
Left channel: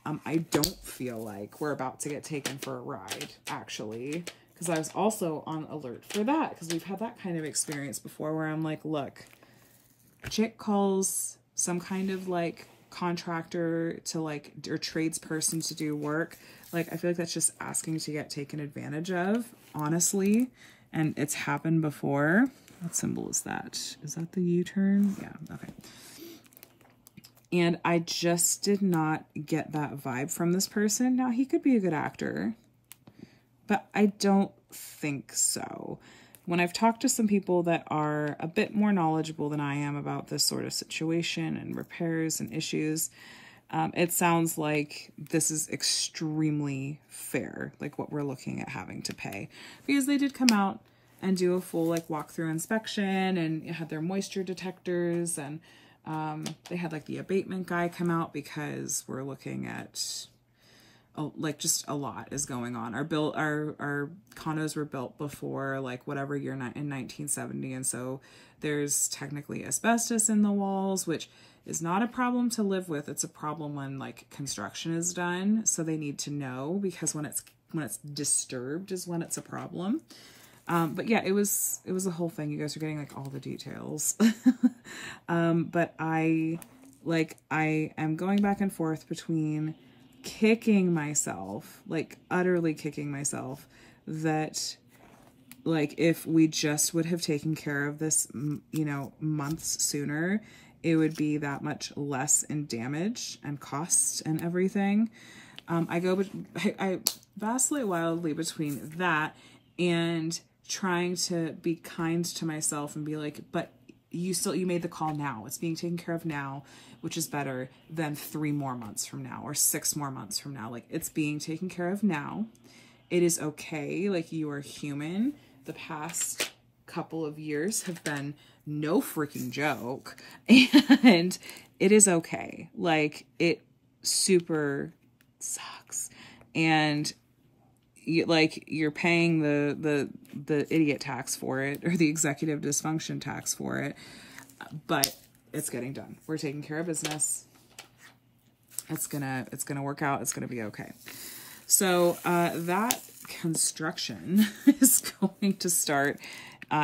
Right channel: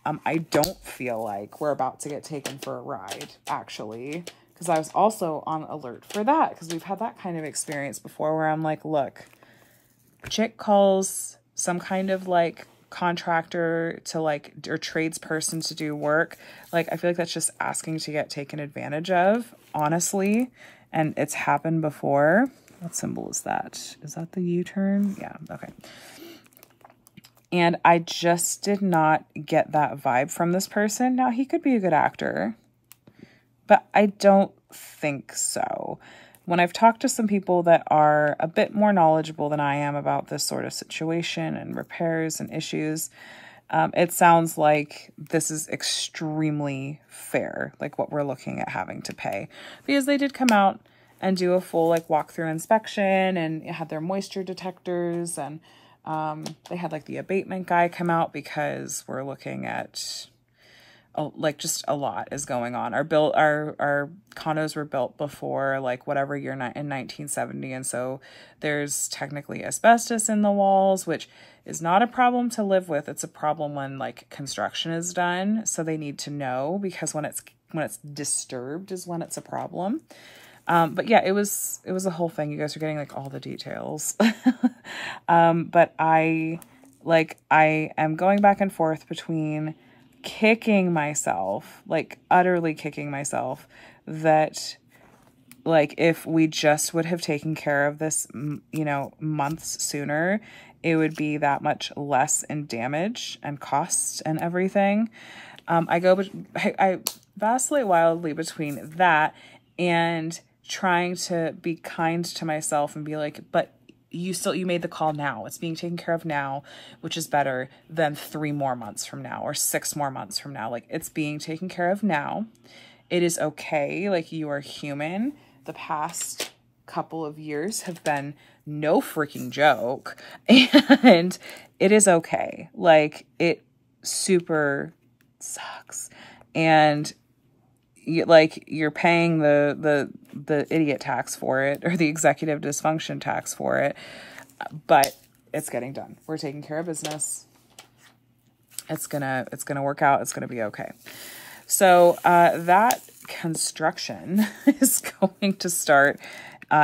I don't feel like we're about to get taken for a ride, actually, because I was also on alert for that, because we've had that kind of experience before where I'm like, look, chick calls some kind of like contractor to like, or tradesperson to do work. Like, I feel like that's just asking to get taken advantage of, honestly. And it's happened before. What symbol is that? Is that the U-turn? Yeah. Okay. And I just did not get that vibe from this person. Now, he could be a good actor, but I don't think so. When I've talked to some people that are a bit more knowledgeable than I am about this sort of situation and repairs and issues, it sounds like this is extremely fair, like what we're looking at having to pay, because they did come out and do a full like walkthrough inspection and had their moisture detectors, and they had like the abatement guy come out because we're looking at like just a lot is going on. Our condos were built before like whatever year in 1970, and so there's technically asbestos in the walls, which is not a problem to live with. It's a problem when like construction is done, so they need to know, because when it's disturbed is when it's a problem. But yeah, it was a whole thing. You guys are getting like all the details. But I am going back and forth between kicking myself, like utterly kicking myself, that like if we just would have taken care of this, months sooner, it would be that much less in damage and cost and everything. I vacillate wildly between that and trying to be kind to myself and be like, but you made the call now. It's being taken care of now, which is better than 3 more months from now or 6 more months from now. Like, it's being taken care of now. It is okay. Like, you are human. The past couple of years have been no freaking joke, and it is okay. Like, it super sucks. And you're paying the idiot tax for it, or the executive dysfunction tax for it, but it's getting done. We're taking care of business. It's gonna work out. It's gonna be okay. So that construction is going to start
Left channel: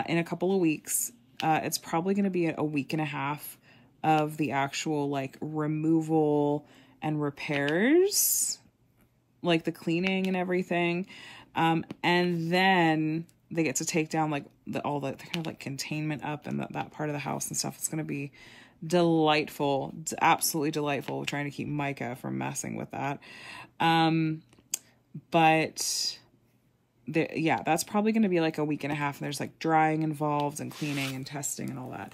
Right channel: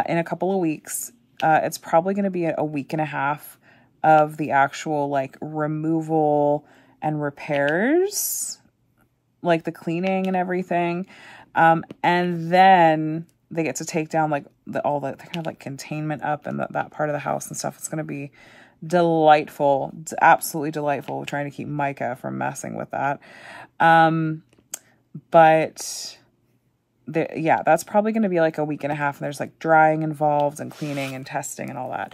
in a couple of weeks. It's probably going to be a week and a half of the actual like removal and repairs, like the cleaning and everything. And then they get to take down like all the kind of like containment up and that part of the house and stuff. It's going to be delightful. It's absolutely delightful. We're trying to keep Micah from messing with that. But yeah, that's probably going to be like a week and a half, and there's like drying involved and cleaning and testing and all that.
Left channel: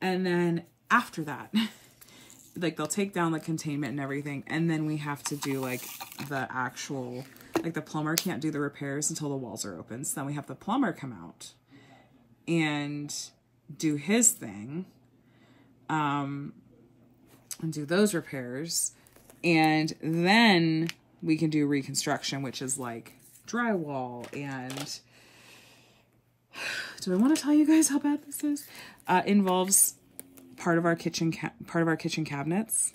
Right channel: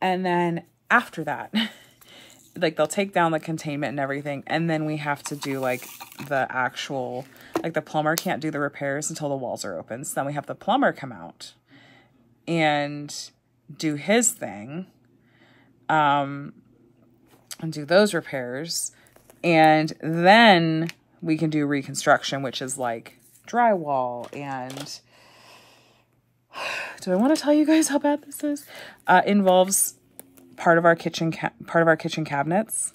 And then after that, like they'll take down the containment and everything, and then we have to do like the actual, like the plumber can't do the repairs until the walls are open. So then we have the plumber come out and do his thing, and do those repairs. And then we can do reconstruction, which is like drywall. And do I want to tell you guys how bad this is? Involves part of our kitchen cabinets.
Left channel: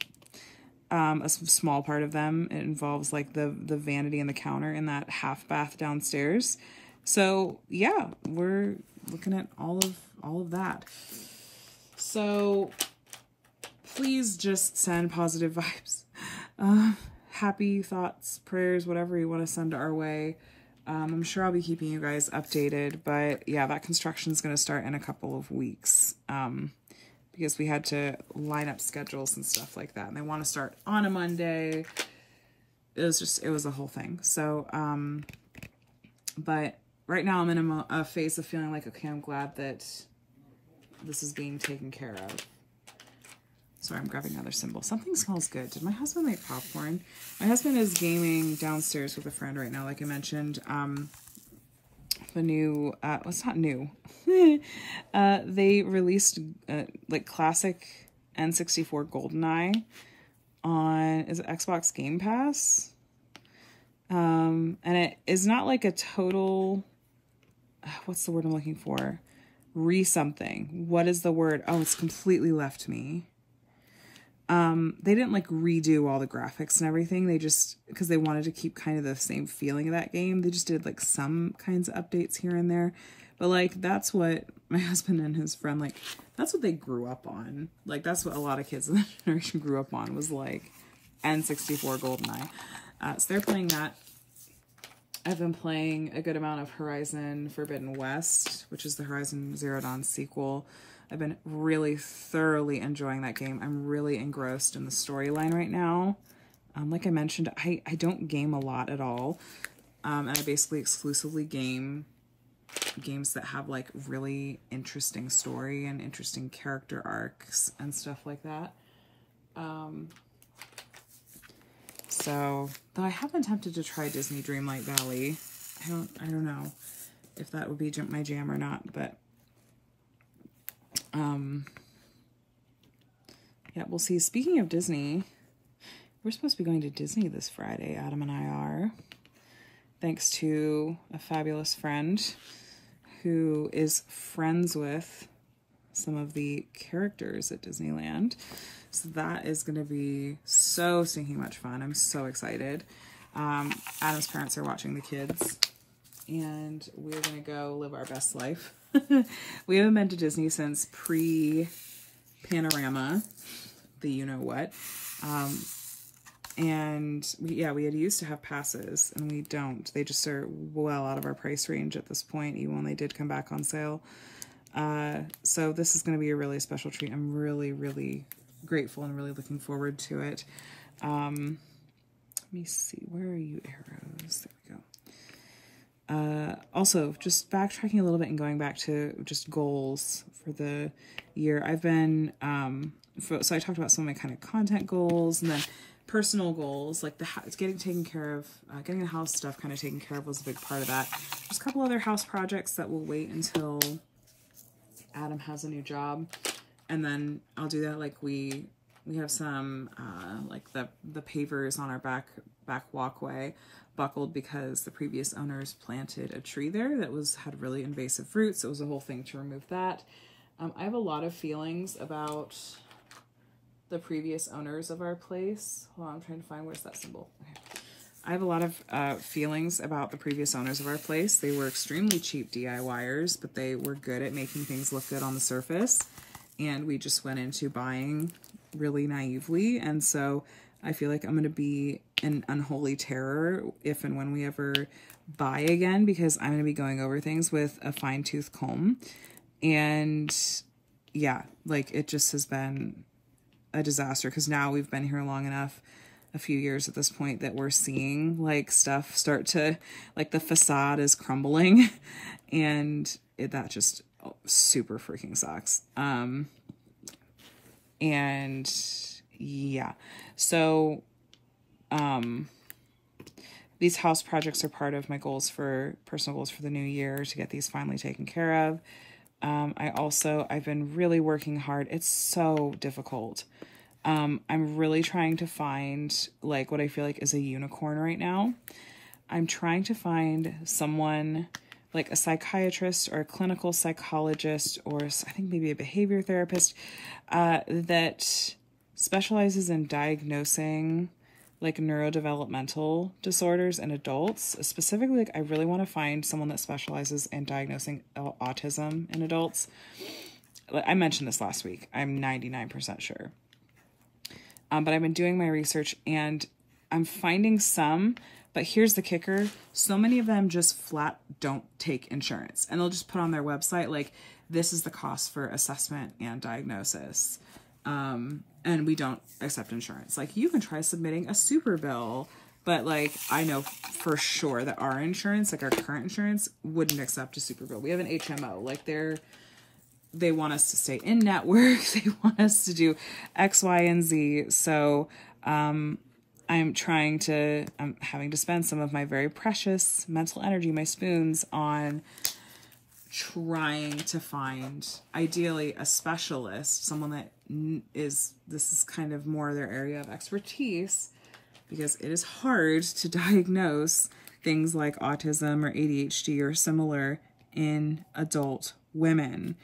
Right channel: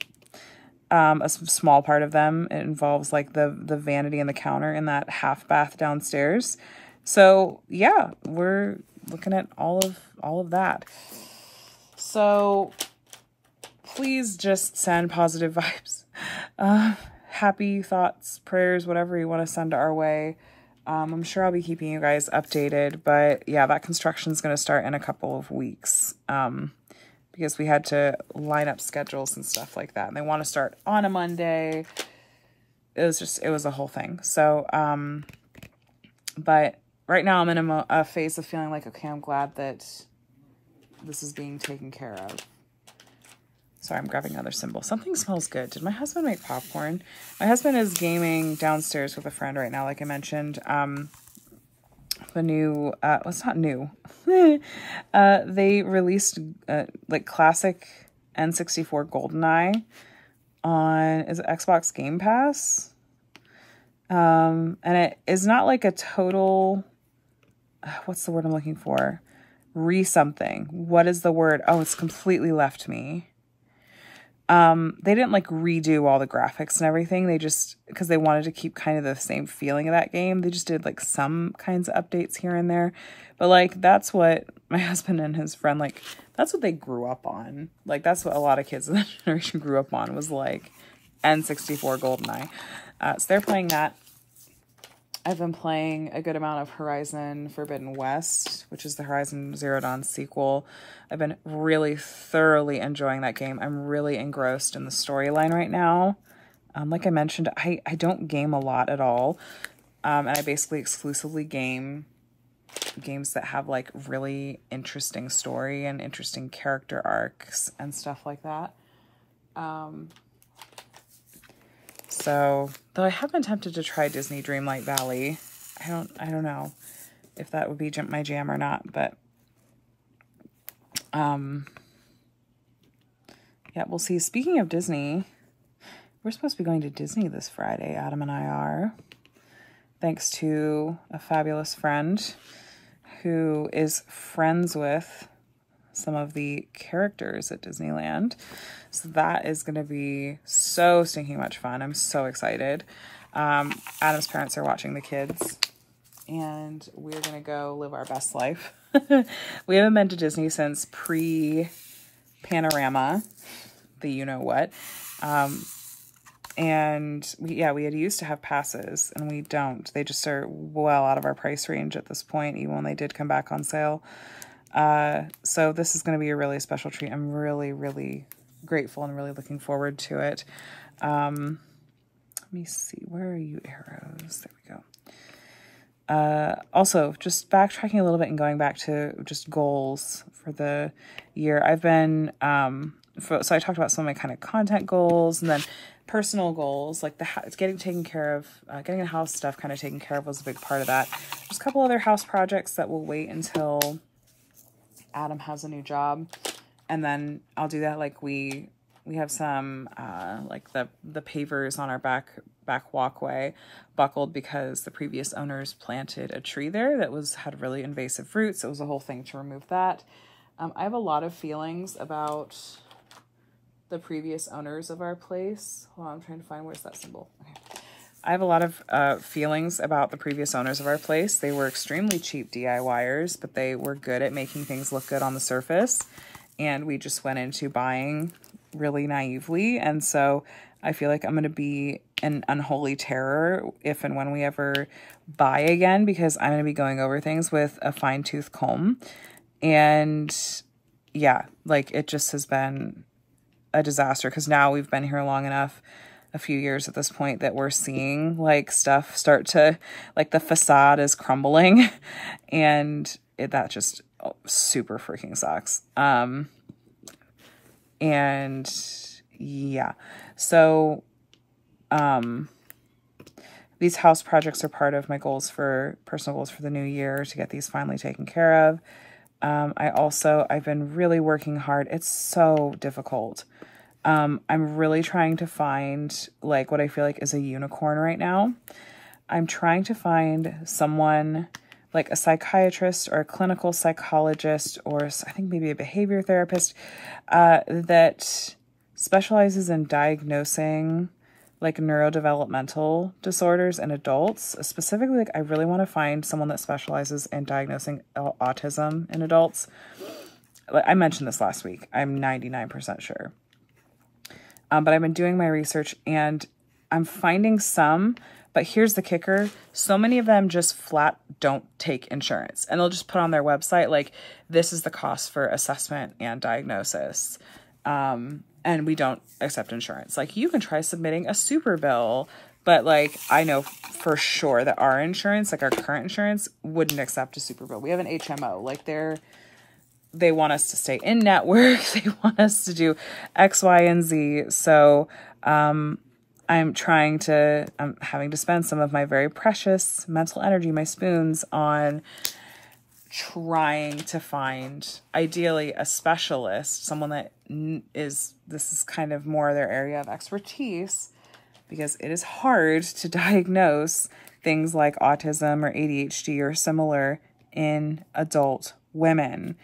A small part of them. It involves like the vanity and the counter in that half bath downstairs. So yeah, we're looking at all of that. So please just send positive vibes, happy thoughts, prayers, whatever you want to send our way. I'm sure I'll be keeping you guys updated, but yeah, that construction is going to start in a couple of weeks. Because we had to line up schedules and stuff like that. And they want to start on a Monday. It was a whole thing. So, but right now I'm in a phase of feeling like, okay, I'm glad that this is being taken care of. Sorry, I'm grabbing another symbol. Something smells good. Did my husband make popcorn? My husband is gaming downstairs with a friend right now, like I mentioned. The new, well, it's not new. They released like classic N64 GoldenEye on, is it Xbox Game Pass? And it is not like a total, what's the word I'm looking for? Re-something. What is the word? Oh, it's completely left me. They didn't like redo all the graphics and everything. They just, because they wanted to keep kind of the same feeling of that game, they just did like some kinds of updates here and there. But like, that's what my husband and his friend, like, that's what they grew up on. Like, that's what a lot of kids in that generation grew up on, was like N64 GoldenEye. So they're playing that. I've been playing a good amount of Horizon Forbidden West, which is the Horizon Zero Dawn sequel. I've been really thoroughly enjoying that game. I'm really engrossed in the storyline right now. Like I mentioned, I don't game a lot at all. And I basically exclusively game games that have like really interesting story and interesting character arcs and stuff like that. So, though I have been tempted to try Disney Dreamlight Valley. I don't know if that would be my jam or not, but yeah, we'll see. Speaking of Disney, we're supposed to be going to Disney this Friday, Adam and I are, thanks to a fabulous friend who is friends with some of the characters at Disneyland. So that is going to be so stinking much fun. I'm so excited. Adam's parents are watching the kids, and we're going to go live our best life. We haven't been to Disney since pre-Panorama, the you-know-what. And we had used to have passes, and we don't. They just are well out of our price range at this point, even when they did come back on sale. So this is going to be a really special treat. I'm really, really grateful and really looking forward to it. Let me see. Where are you, arrows? There we go. Also, just backtracking a little bit and going back to just goals for the year. I've been, so I talked about some of my kind of content goals, and then personal goals, like getting taken care of, getting the house stuff kind of taken care of was a big part of that. There's a couple other house projects that will wait until Adam has a new job, and then I'll do that. Like we have some like the pavers on our back walkway buckled because the previous owners planted a tree there that had really invasive roots. It was a whole thing to remove that. I have a lot of feelings about the previous owners of our place. Hold on, I'm trying to find, where's that symbol? Okay. I have a lot of feelings about the previous owners of our place. They were extremely cheap DIYers, but they were good at making things look good on the surface. And we just went into buying really naively. And so I feel like I'm going to be an unholy terror if and when we ever buy again, because I'm going to be going over things with a fine-tooth comb. And yeah, like it just has been a disaster, because now we've been here long enough, a few years at this point, that we're seeing like stuff start to, like the facade is crumbling, and that just super freaking sucks. And yeah, so these house projects are part of my personal goals for the new year, to get these finally taken care of. I've been really working hard. It's so difficult. I'm really trying to find like what I feel like is a unicorn right now. I'm trying to find someone like a psychiatrist or a clinical psychologist, or I think maybe a behavior therapist, that specializes in diagnosing like neurodevelopmental disorders in adults. Specifically, like I really want to find someone that specializes in diagnosing autism in adults. I mentioned this last week. I'm 99% sure. But I've been doing my research, and I'm finding some, but here's the kicker. So many of them just flat don't take insurance, and they'll just put on their website, like, this is the cost for assessment and diagnosis. And we don't accept insurance. Like, you can try submitting a super bill But like, I know for sure that our insurance, like our current insurance, wouldn't accept a super bill. We have an HMO. Like they want us to stay in network. They want us to do X, Y, and Z. So I'm having to spend some of my very precious mental energy, my spoons, on trying to find, ideally, a specialist, someone that this is kind of more their area of expertise, because it is hard to diagnose things like autism or ADHD or similar in adult women,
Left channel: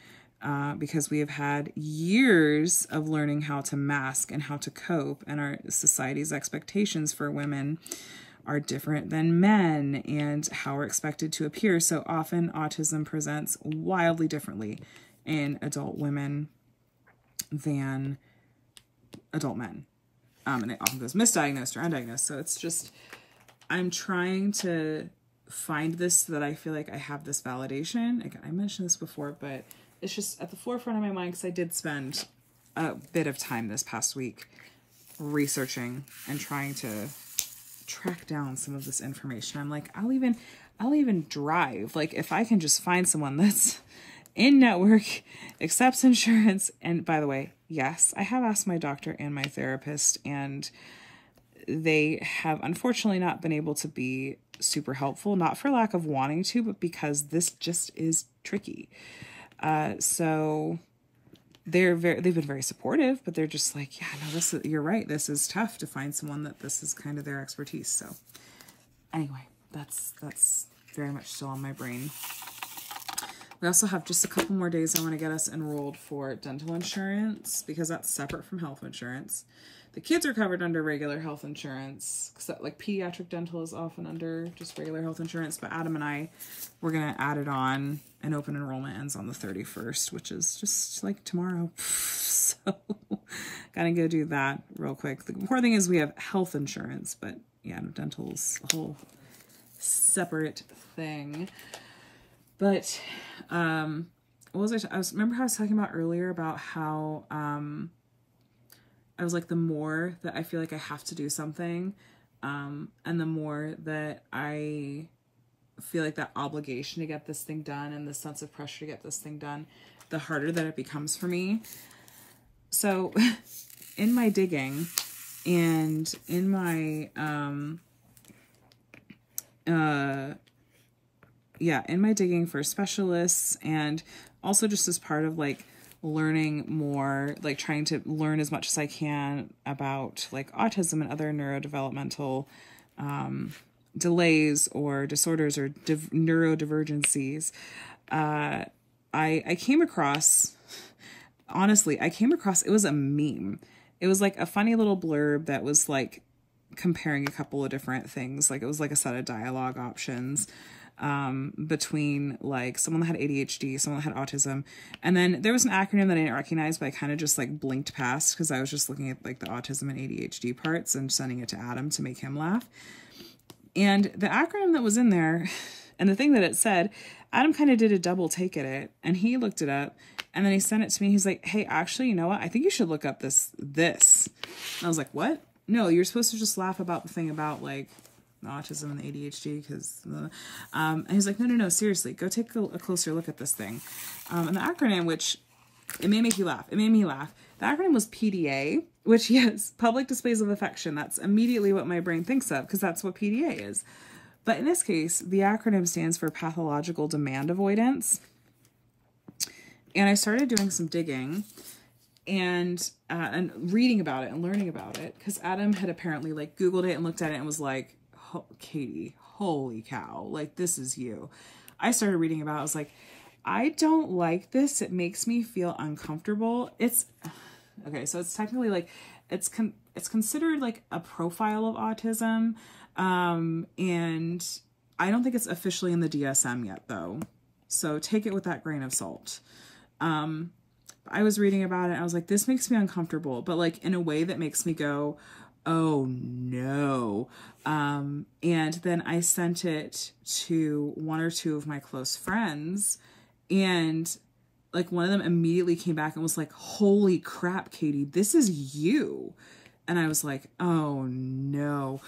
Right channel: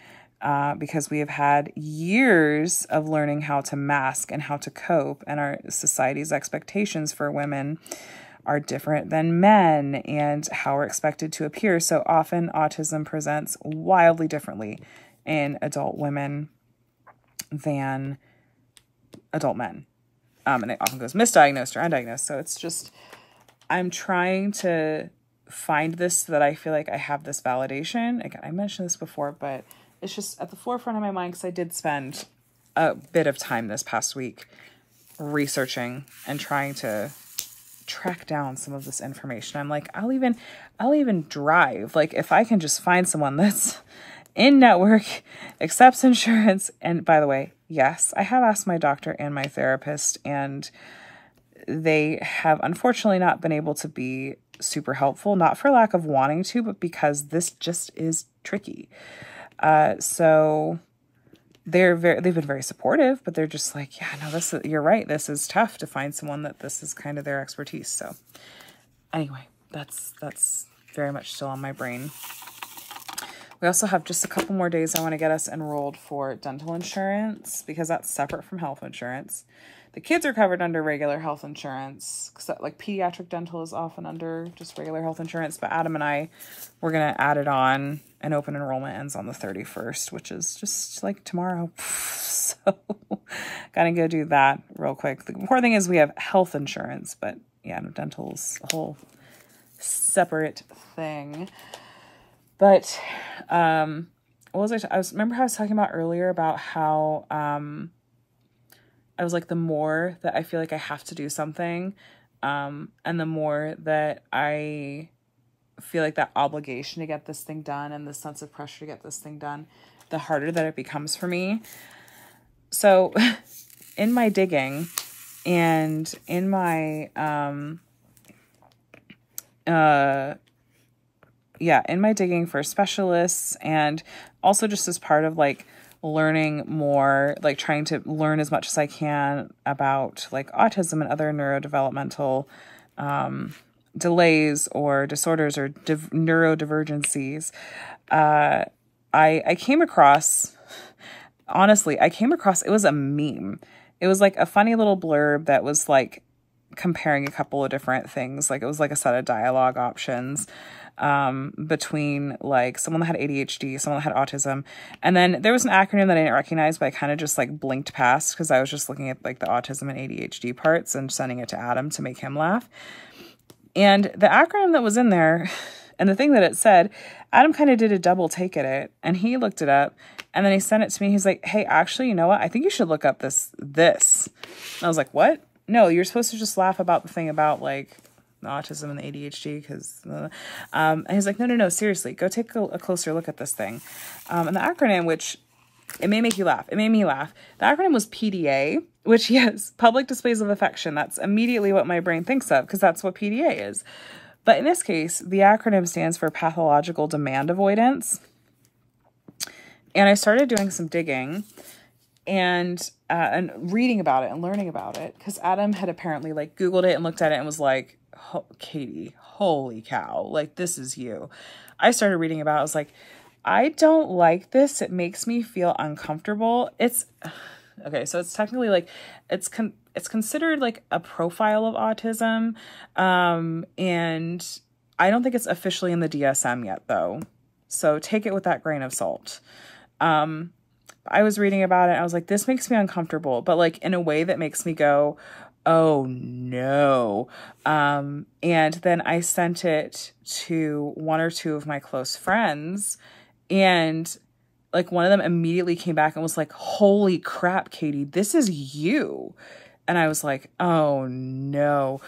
because we have had years of learning how to mask and how to cope, and our society's expectations for women are different than men and how we're expected to appear. So often autism presents wildly differently in adult women than adult men. And it often goes misdiagnosed or undiagnosed. So it's just, I'm trying to find this so that I feel like I have this validation. Again, I mentioned this before, but it's just at the forefront of my mind because I did spend a bit of time this past week researching and trying to track down some of this information. I'm like, I'll even drive. Like, if I can just find someone that's in network, accepts insurance. And by the way, yes, I have asked my doctor and my therapist, and they have unfortunately not been able to be super helpful, not for lack of wanting to, but because this just is tricky. So they've been very supportive, but they're just like, yeah, no, you're right. This is tough to find someone that this is kind of their expertise. So anyway, that's very much still on my brain. We also have just a couple more days. I want to get us enrolled for dental insurance because that's separate from health insurance. The kids are covered under regular health insurance, because like pediatric dental is often under just regular health insurance. But Adam and I, we're going to add it on, and open enrollment ends on the 31st, which is just like tomorrow. So gotta go do that real quick. The important thing is we have health insurance, but yeah, no, dental's a whole separate thing. But what was remember how I was talking about earlier about how I was like, the more that I feel like I have to do something, and the more that I feel like that obligation to get this thing done and the sense of pressure to get this thing done, the harder that it becomes for me. So in my digging and in my, in my digging for specialists, and also just as part of like learning more, like trying to learn as much as I can about like autism and other neurodevelopmental delays or disorders or neurodivergencies, I came across, it was a meme. It was like a funny little blurb that was like comparing a couple of different things. Like it was like a set of dialogue options between like someone that had ADHD, someone that had autism. And then there was an acronym that I didn't recognize, but I kind of just like blinked past because I was just looking at like the autism and ADHD parts and sending it to Adam to make him laugh. And the acronym that was in there and the thing that it said, Adam kind of did a double take at it, and he looked it up, and then he sent it to me. He's like, hey, actually, you know what? I think you should look up this. And I was like, what? No, you're supposed to just laugh about the thing about like the autism and the ADHD because, and he's like, no, seriously, go take a closer look at this thing. And the acronym, which it may make you laugh. It made me laugh. The acronym was PDA, which, yes, public displays of affection. That's immediately what my brain thinks of because that's what PDA is. But in this case, the acronym stands for pathological demand avoidance. And I started doing some digging and reading about it and learning about it because Adam had apparently like Googled it and looked at it and was like, Katie, holy cow, like this is you. I started reading about it. I was like, I don't like this. It makes me feel uncomfortable. It's okay. So it's technically like, it's considered like a profile of autism. And I don't think it's officially in the DSM yet though. So take it with that grain of salt. I was reading about it. And I was like, this makes me uncomfortable, but like in a way that makes me go, oh no. And then I sent it to one or two of my close friends, and like one of them immediately came back and was like, holy crap, Katie, this is you. And I was like, oh no.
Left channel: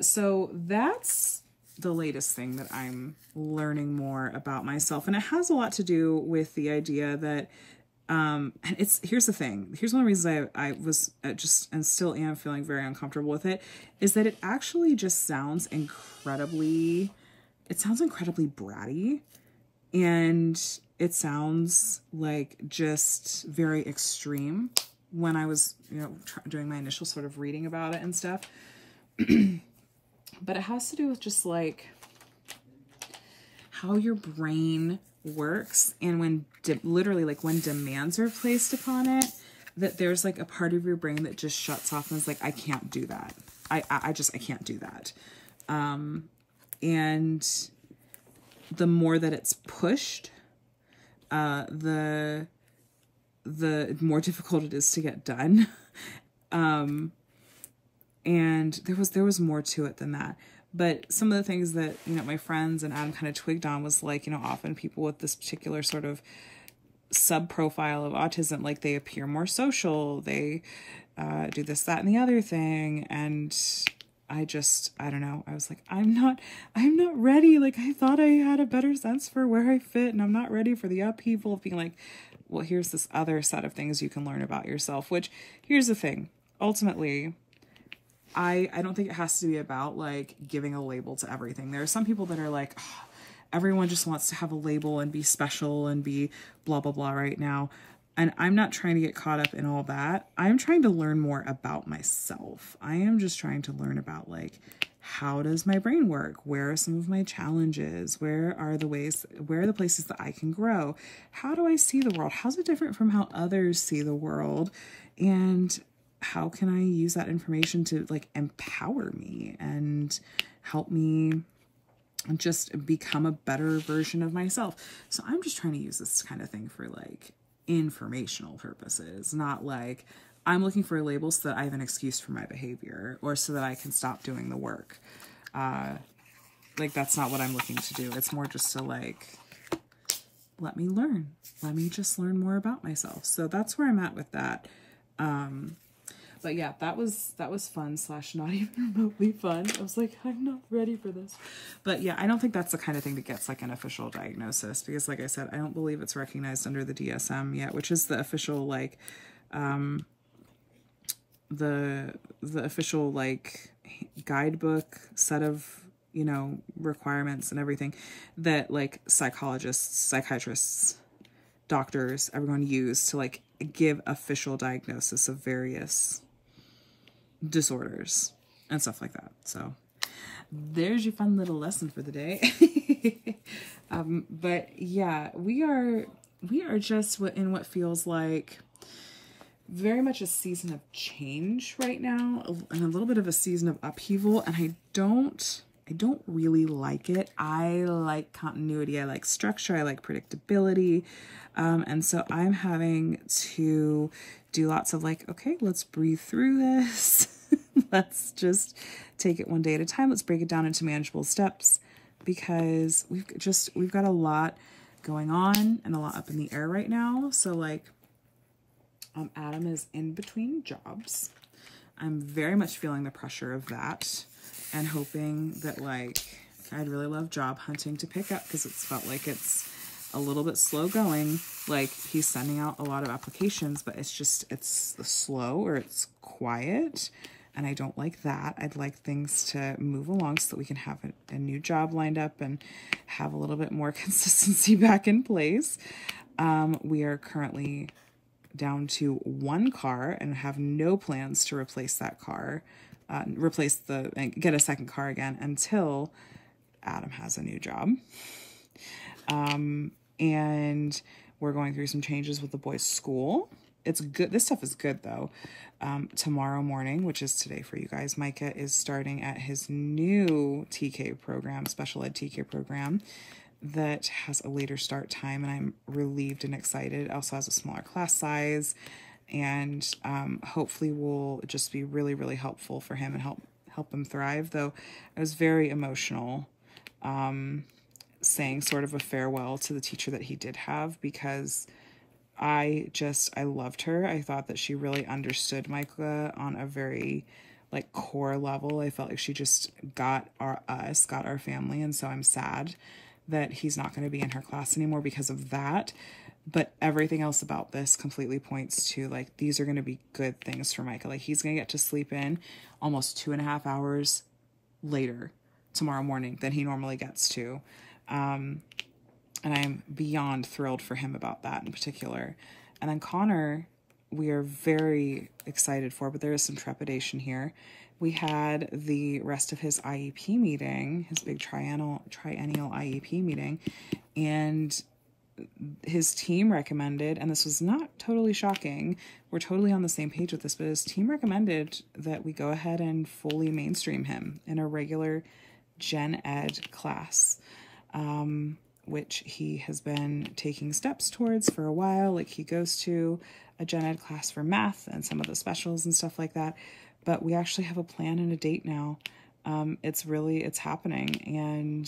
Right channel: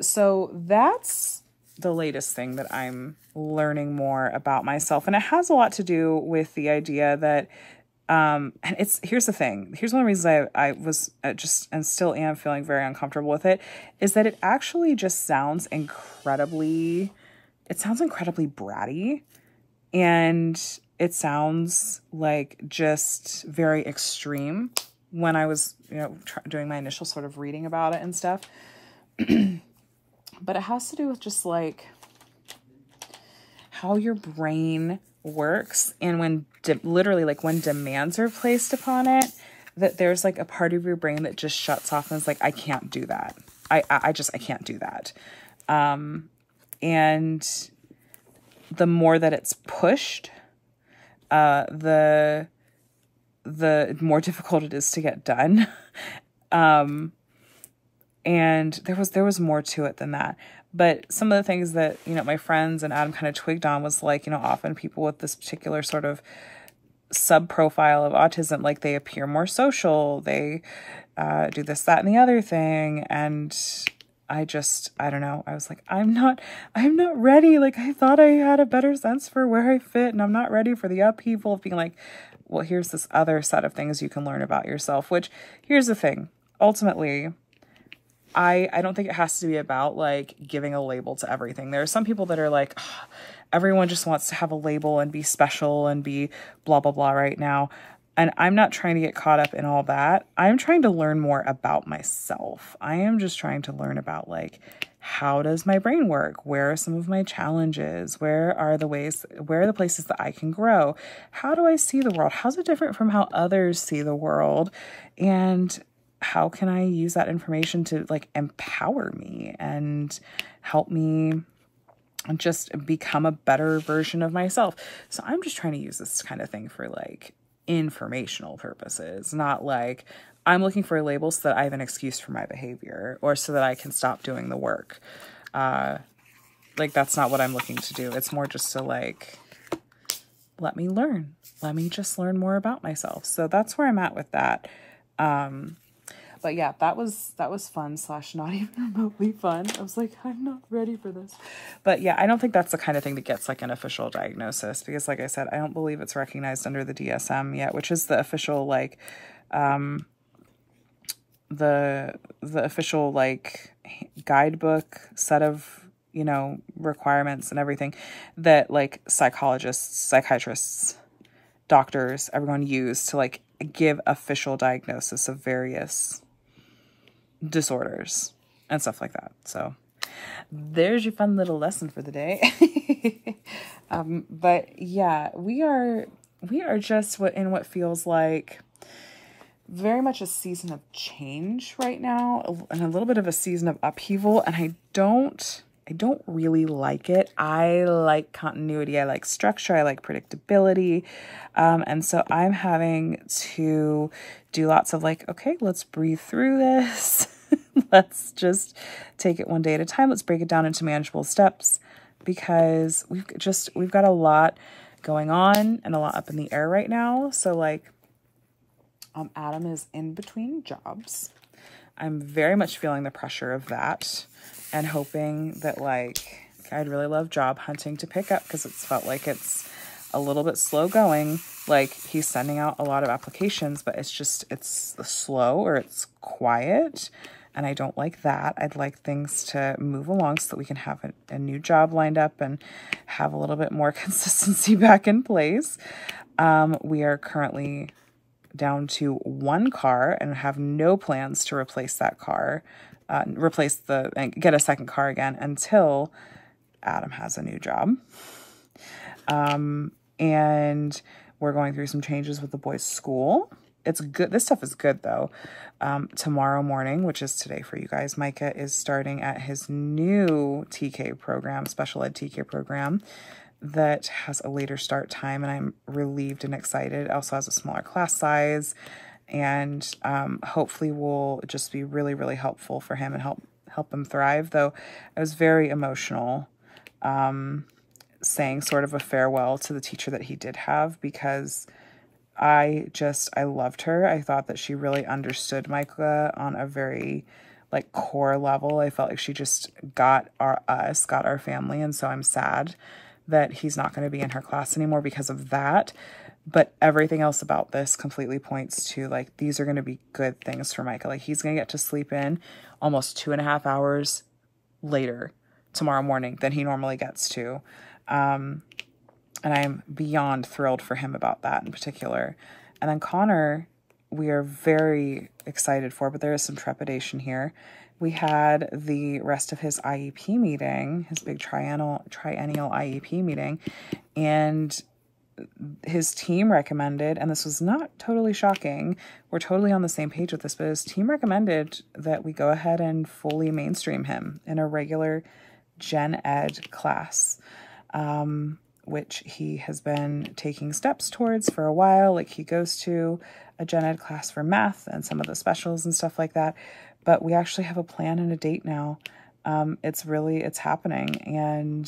So that's the latest thing that I'm learning more about myself. And it has a lot to do with the idea that, and here's the thing. Here's one of the reasons I was just, and still am feeling very uncomfortable with it, is that it actually just sounds incredibly bratty, and it sounds like just very extreme when I was, doing my initial sort of reading about it and stuff. But it has to do with just like how your brain works, and when literally like when demands are placed upon it, that there's like a part of your brain that just shuts off and is like, I can't do that. I can't do that. And the more that it's pushed, the more difficult it is to get done. And there was more to it than that. But some of the things that, my friends and Adam kind of twigged on was like, often people with this particular sort of sub-profile of autism, like they appear more social, they do this, that, and the other thing. And I don't know. I was like, I'm not ready. Like, I thought I had a better sense for where I fit, and I'm not ready for the upheaval of being like, well, here's this other set of things you can learn about yourself, which, here's the thing. Ultimately, I don't think it has to be about like giving a label to everything. There are some people that are like, oh, everyone just wants to have a label and be special and be blah, blah, blah right now. And I'm not trying to get caught up in all that. I'm trying to learn more about myself. I am just trying to learn about like, how does my brain work? Where are some of my challenges? Where are the places that I can grow? How do I see the world? How's it different from how others see the world? And how can I use that information to like empower me and help me just become a better version of myself? So I'm just trying to use this kind of thing for like informational purposes, not like I'm looking for a label so that I have an excuse for my behavior or so that I can stop doing the work. Like that's not what I'm looking to do. It's more just to like, let me learn. Let me just learn more about myself. So that's where I'm at with that. But yeah, that was fun / not even remotely fun. I was like, I'm not ready for this. But yeah, I don't think that's the kind of thing that gets like an official diagnosis, because like I said, I don't believe it's recognized under the DSM yet, which is the official like the official like guidebook set of, requirements and everything that like psychologists, psychiatrists, doctors, everyone use to like give official diagnosis of various disorders and stuff like that. So there's your fun little lesson for the day. But yeah, we are just in what feels like very much a season of change right now, and a little bit of a season of upheaval. And I don't really like it. I like continuity. I like structure. I like predictability. And so I'm having to do lots of like, okay, let's breathe through this. Let's just take it one day at a time. Let's break it down into manageable steps, because we've got a lot going on and a lot up in the air right now. So like, Adam is in between jobs. I'm very much feeling the pressure of that, and hoping that like, I'd really love job hunting to pick up, because it's felt like it's a little bit slow going. Like he's sending out a lot of applications, but it's slow, or it's quiet. And I don't like that. I'd like things to move along so that we can have a new job lined up and have a little bit more consistency back in place. We are currently down to one car and have no plans to replace that car, and get a second car again until Adam has a new job. And we're going through some changes with the boys' school. It's good. This stuff is good though. Tomorrow morning, which is today for you guys, Micah is starting at his new TK program, special ed TK program, that has a later start time, and I'm relieved and excited. It also has a smaller class size, and hopefully will just be really, really helpful for him and help him thrive. Though I was very emotional saying sort of a farewell to the teacher that he did have, because I loved her. I thought that she really understood Micah on a very like core level. I felt like she just got our family. And so I'm sad that he's not going to be in her class anymore because of that. But everything else about this completely points to like, these are going to be good things for Micah. Like he's going to get to sleep in almost 2.5 hours later tomorrow morning than he normally gets to. And I'm beyond thrilled for him about that in particular. And then Connor, we are very excited for, but there is some trepidation here. We had the rest of his IEP meeting, his big triennial IEP meeting, and his team recommended, and this was not totally shocking, we're totally on the same page with this, but his team recommended that we go ahead and fully mainstream him in a regular gen ed class, which he has been taking steps towards for a while. Like he goes to a gen ed class for math and some of the specials and stuff like that, but we actually have a plan and a date now. It's happening, and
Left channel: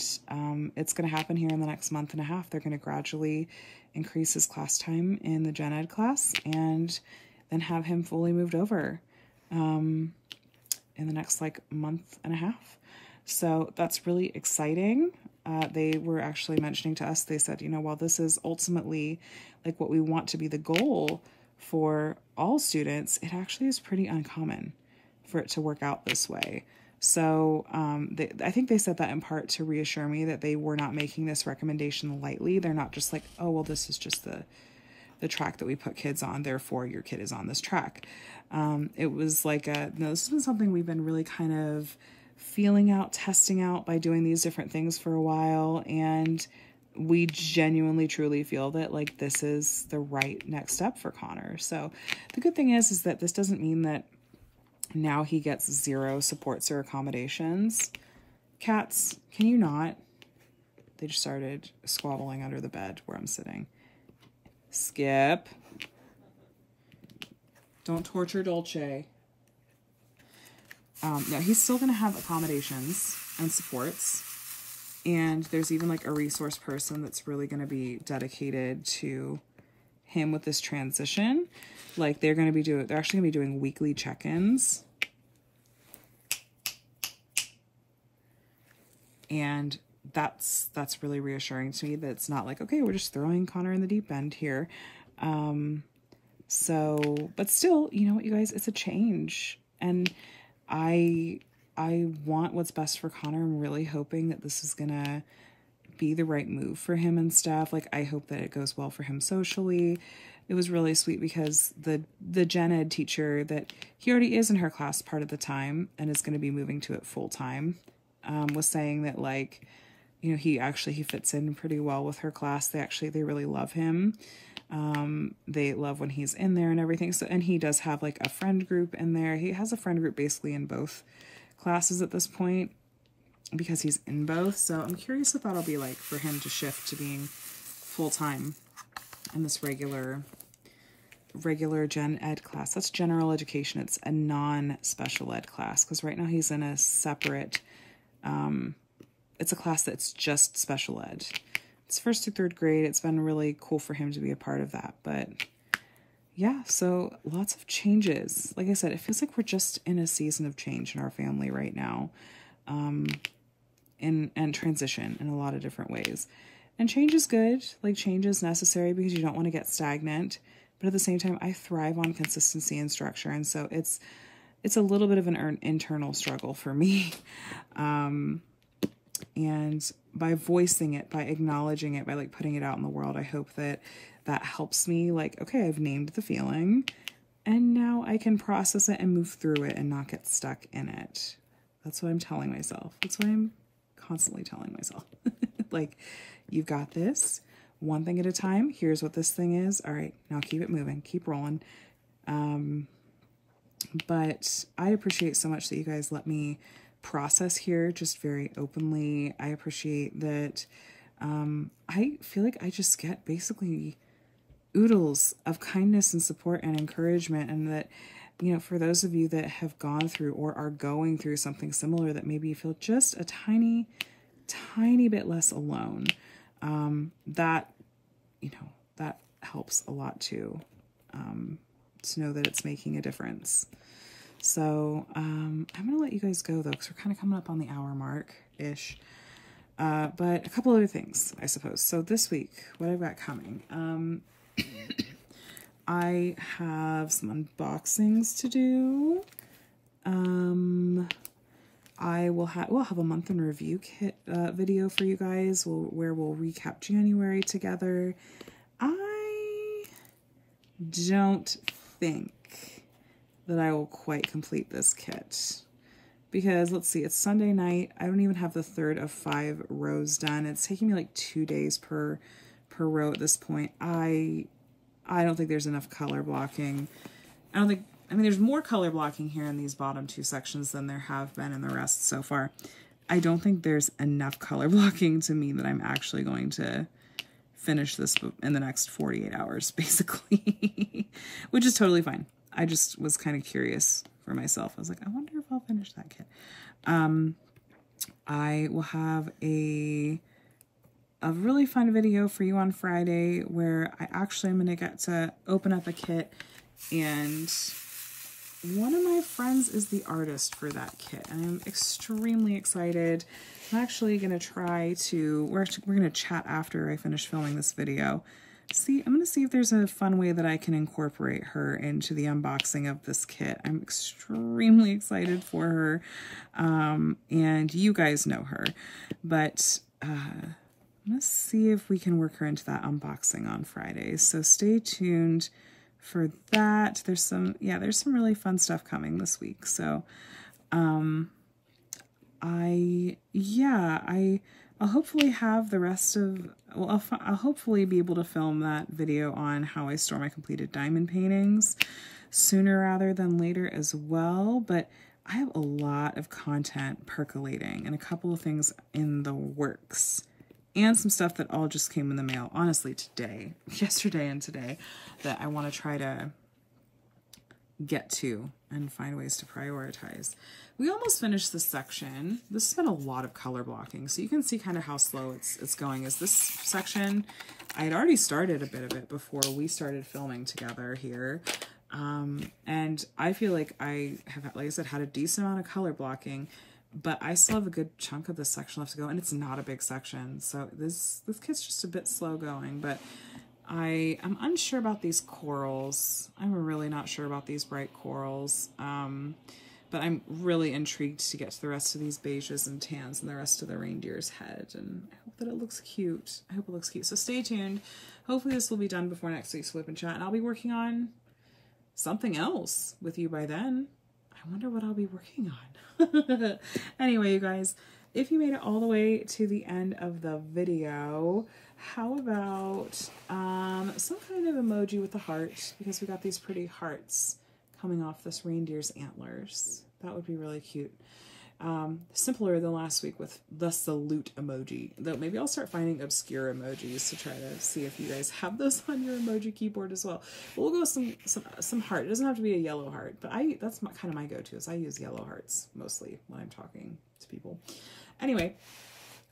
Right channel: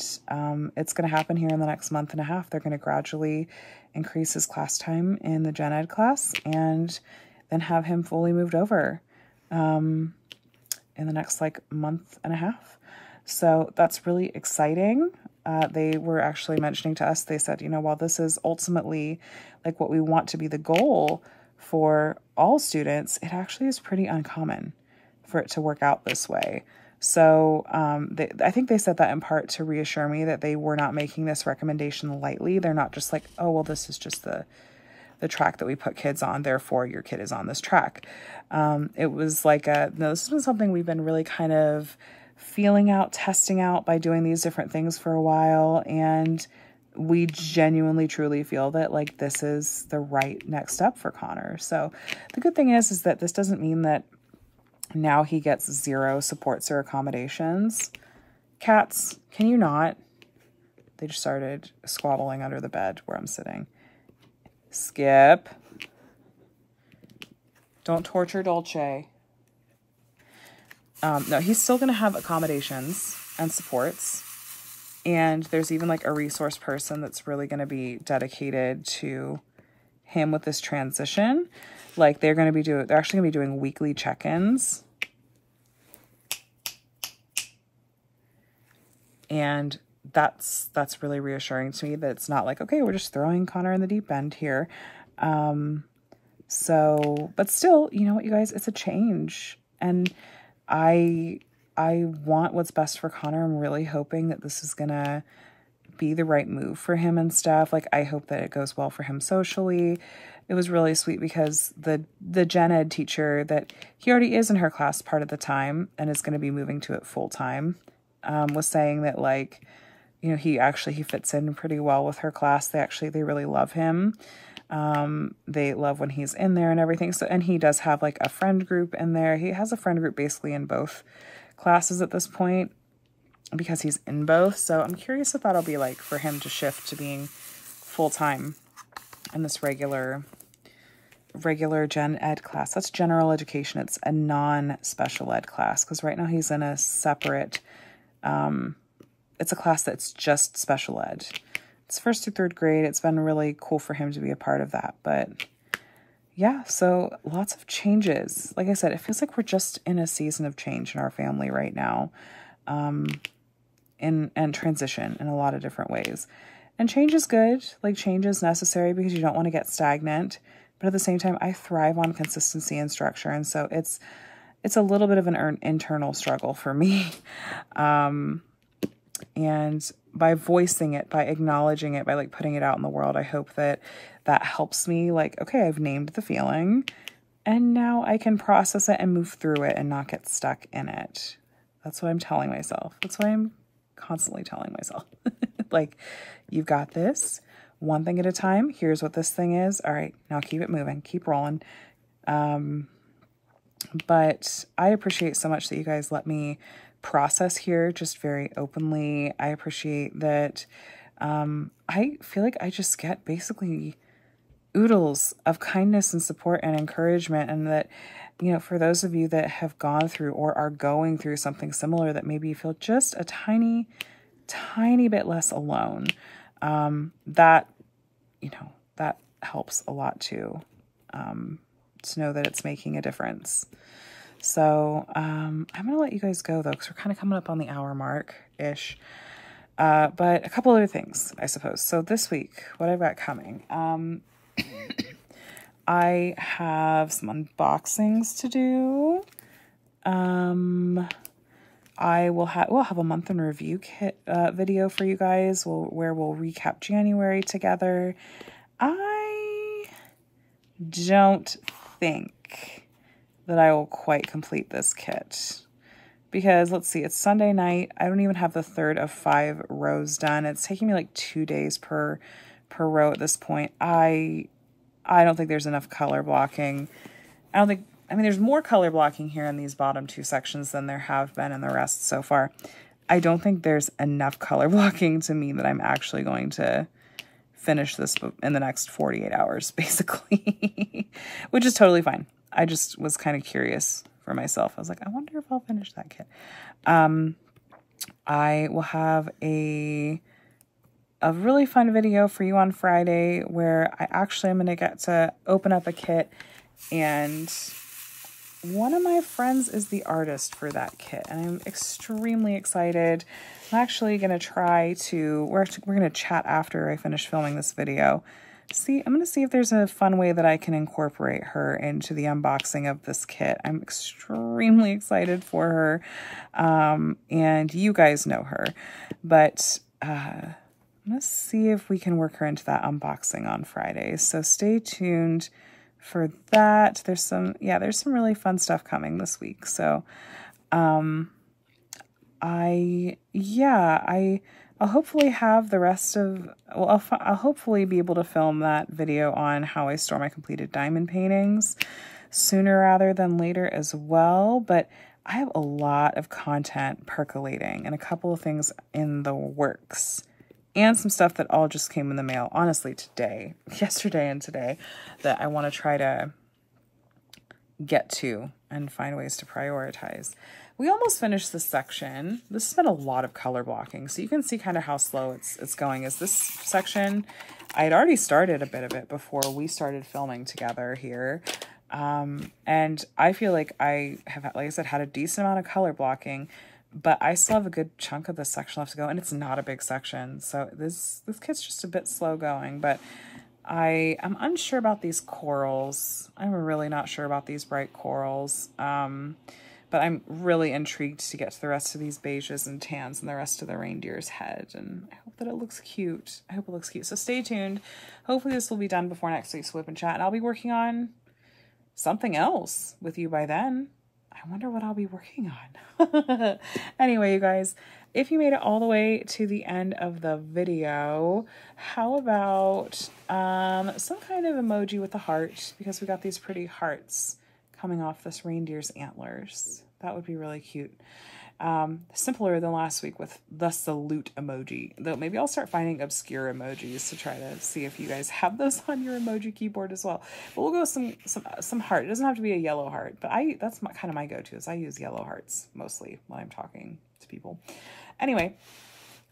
it's going to happen here in the next month and a half. They're going to gradually increase his class time in the gen ed class and then have him fully moved over in the next like month and a half. So that's really exciting. They were actually mentioning to us, they said, while this is ultimately like what we want to be the goal for all students, it actually is pretty uncommon for it to work out this way. So I think they said that in part to reassure me that they were not making this recommendation lightly. They're not just like, oh, well, this is just the track that we put kids on, therefore your kid is on this track. It was like, no, this has been something we've been really kind of feeling out, testing out by doing these different things for a while. And we genuinely, truly feel that like this is the right next step for Connor. So the good thing is that this doesn't mean that now he gets 0 supports or accommodations. Cats, can you not? They just started squabbling under the bed where I'm sitting. Skip. Don't torture Dolce. No, he's still going to have accommodations and supports. And there's even like a resource person that's really going to be dedicated to him with this transition. Like they're actually going to be doing weekly check-ins. And that's really reassuring to me that it's not like, okay, we're just throwing Connor in the deep end here. But still, you know what, you guys, it's a change. And I want what's best for Connor. I'm really hoping that this is going to be the right move for him and stuff. Like, I hope that it goes well for him socially. It was really sweet because the gen ed teacher that he already is in her class part of the time and is going to be moving to it full time, was saying that, like, you know, he fits in pretty well with her class. They really love him. They love when he's in there and everything. So, and he does have like a friend group in there. He has a friend group basically in both classes at this point because he's in both. So I'm curious what that'll be like for him to shift to being full-time in this regular gen ed class. That's general education. It's a non-special ed class because right now he's in a separate, it's a class that's just special ed. It's 1st through 3rd grade. It's been really cool for him to be a part of that. But yeah, so lots of changes. Like I said, it feels like we're just in a season of change in our family right now, and transition in a lot of different ways. And change is good. Like, change is necessary because you don't want to get stagnant. But at the same time, I thrive on consistency and structure. And so it's a little bit of an internal struggle for me. And by voicing it, by acknowledging it, by like putting it out in the world, I hope that helps me, like, okay, I've named the feeling and now I can process it and move through it and not get stuck in it. That's what I'm telling myself. That's what I'm constantly telling myself. Like, you've got this, one thing at a time. Here's what this thing is. All right, now keep it moving, keep rolling. But I appreciate so much that you guys let me process here just very openly. I appreciate that. I feel like I just get basically oodles of kindness and support and encouragement, and that, you know, for those of you that have gone through or are going through something similar, that maybe you feel just a tiny bit less alone, that, you know, that helps a lot too, to know that it's making a difference. So I'm going to let you guys go, though, because we're kind of coming up on the hour mark-ish. But a couple other things, I suppose. So this week, what I've got coming, I have some unboxings to do. We'll have a month in review kit video for you guys where we'll recap January together. I don't think that I will quite complete this kit because, let's see, it's Sunday night. I don't even have the third of 5 rows done. It's taking me like 2 days per row at this point. I don't think there's enough color blocking. I mean, there's more color blocking here in these bottom 2 sections than there have been in the rest so far. I don't think there's enough color blocking to mean that I'm actually going to finish this in the next 48 hours, basically, which is totally fine. I just was kind of curious for myself. I was like, I wonder if I'll finish that kit. I will have a really fun video for you on Friday where I actually am going to get to open up a kit, and one of my friends is the artist for that kit, and I'm extremely excited. I'm actually going to try to, we're going to chat after I finish filming this video. I'm going to see if there's a fun way that I can incorporate her into the unboxing of this kit. I'm extremely excited for her, and you guys know her, but I'm going to see if we can work her into that unboxing on Friday. So stay tuned for that. There's some really fun stuff coming this week. So, I'll hopefully have the rest of, I'll hopefully be able to film that video on how I store my completed diamond paintings sooner rather than later as well. But I have a lot of content percolating and a couple of things in the works and some stuff that all just came in the mail, honestly, yesterday and today, that I want to try to get to and find ways to prioritize. We almost finished this section. This has been a lot of color blocking, so you can see kind of how slow it's going. Is this section, I had already started a bit of it before we started filming together here. And I feel like I have, like I said, had a decent amount of color blocking, but I still have a good chunk of this section left to go, and it's not a big section. So this kit's just a bit slow going, but I am unsure about these corals. I'm really not sure about these bright corals. But I'm really intrigued to get to the rest of these beiges and tans and the rest of the reindeer's head. And I hope that it looks cute. I hope it looks cute. So stay tuned. Hopefully this will be done before next week's WIP and Chat. And I'll be working on something else with you by then. I wonder what I'll be working on. Anyway, you guys, if you made it all the way to the end of the video, how about some kind of emoji with a heart? Because we got these pretty hearts coming off this reindeer's antlers. That would be really cute. Simpler than last week with the salute emoji. Though maybe I'll start finding obscure emojis to try to see if you guys have those on your emoji keyboard as well. But we'll go with some heart. It doesn't have to be a yellow heart, but that's kind of my go-to, is I use yellow hearts mostly when I'm talking to people. Anyway,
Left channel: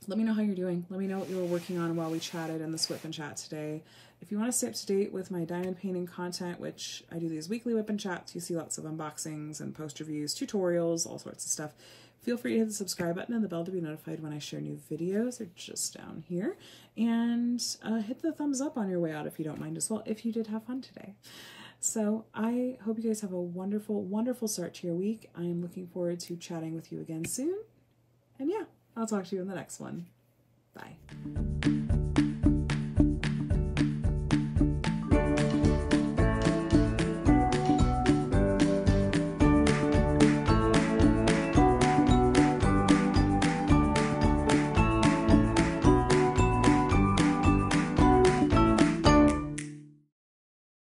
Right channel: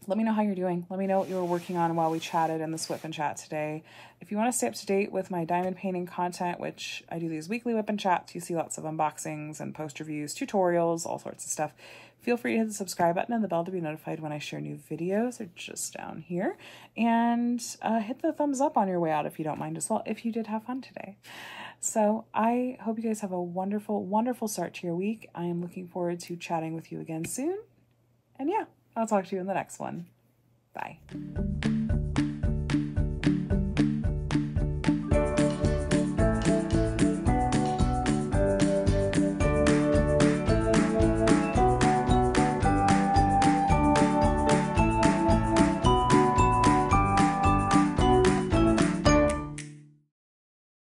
let me know how you're doing. Let me know what you were working on while we chatted in this WIP and Chat today. If you want to stay up to date with my diamond painting content, which I do these weekly WIP and Chats, you see lots of unboxings and post reviews, tutorials, all sorts of stuff. Feel free to hit the subscribe button and the bell to be notified when I share new videos. They're just down here. And hit the thumbs up on your way out if you don't mind as well, if you did have fun today. So I hope you guys have a wonderful, wonderful start to your week. I am looking forward to chatting with you again soon. And yeah, I'll talk to you in the next one. Bye.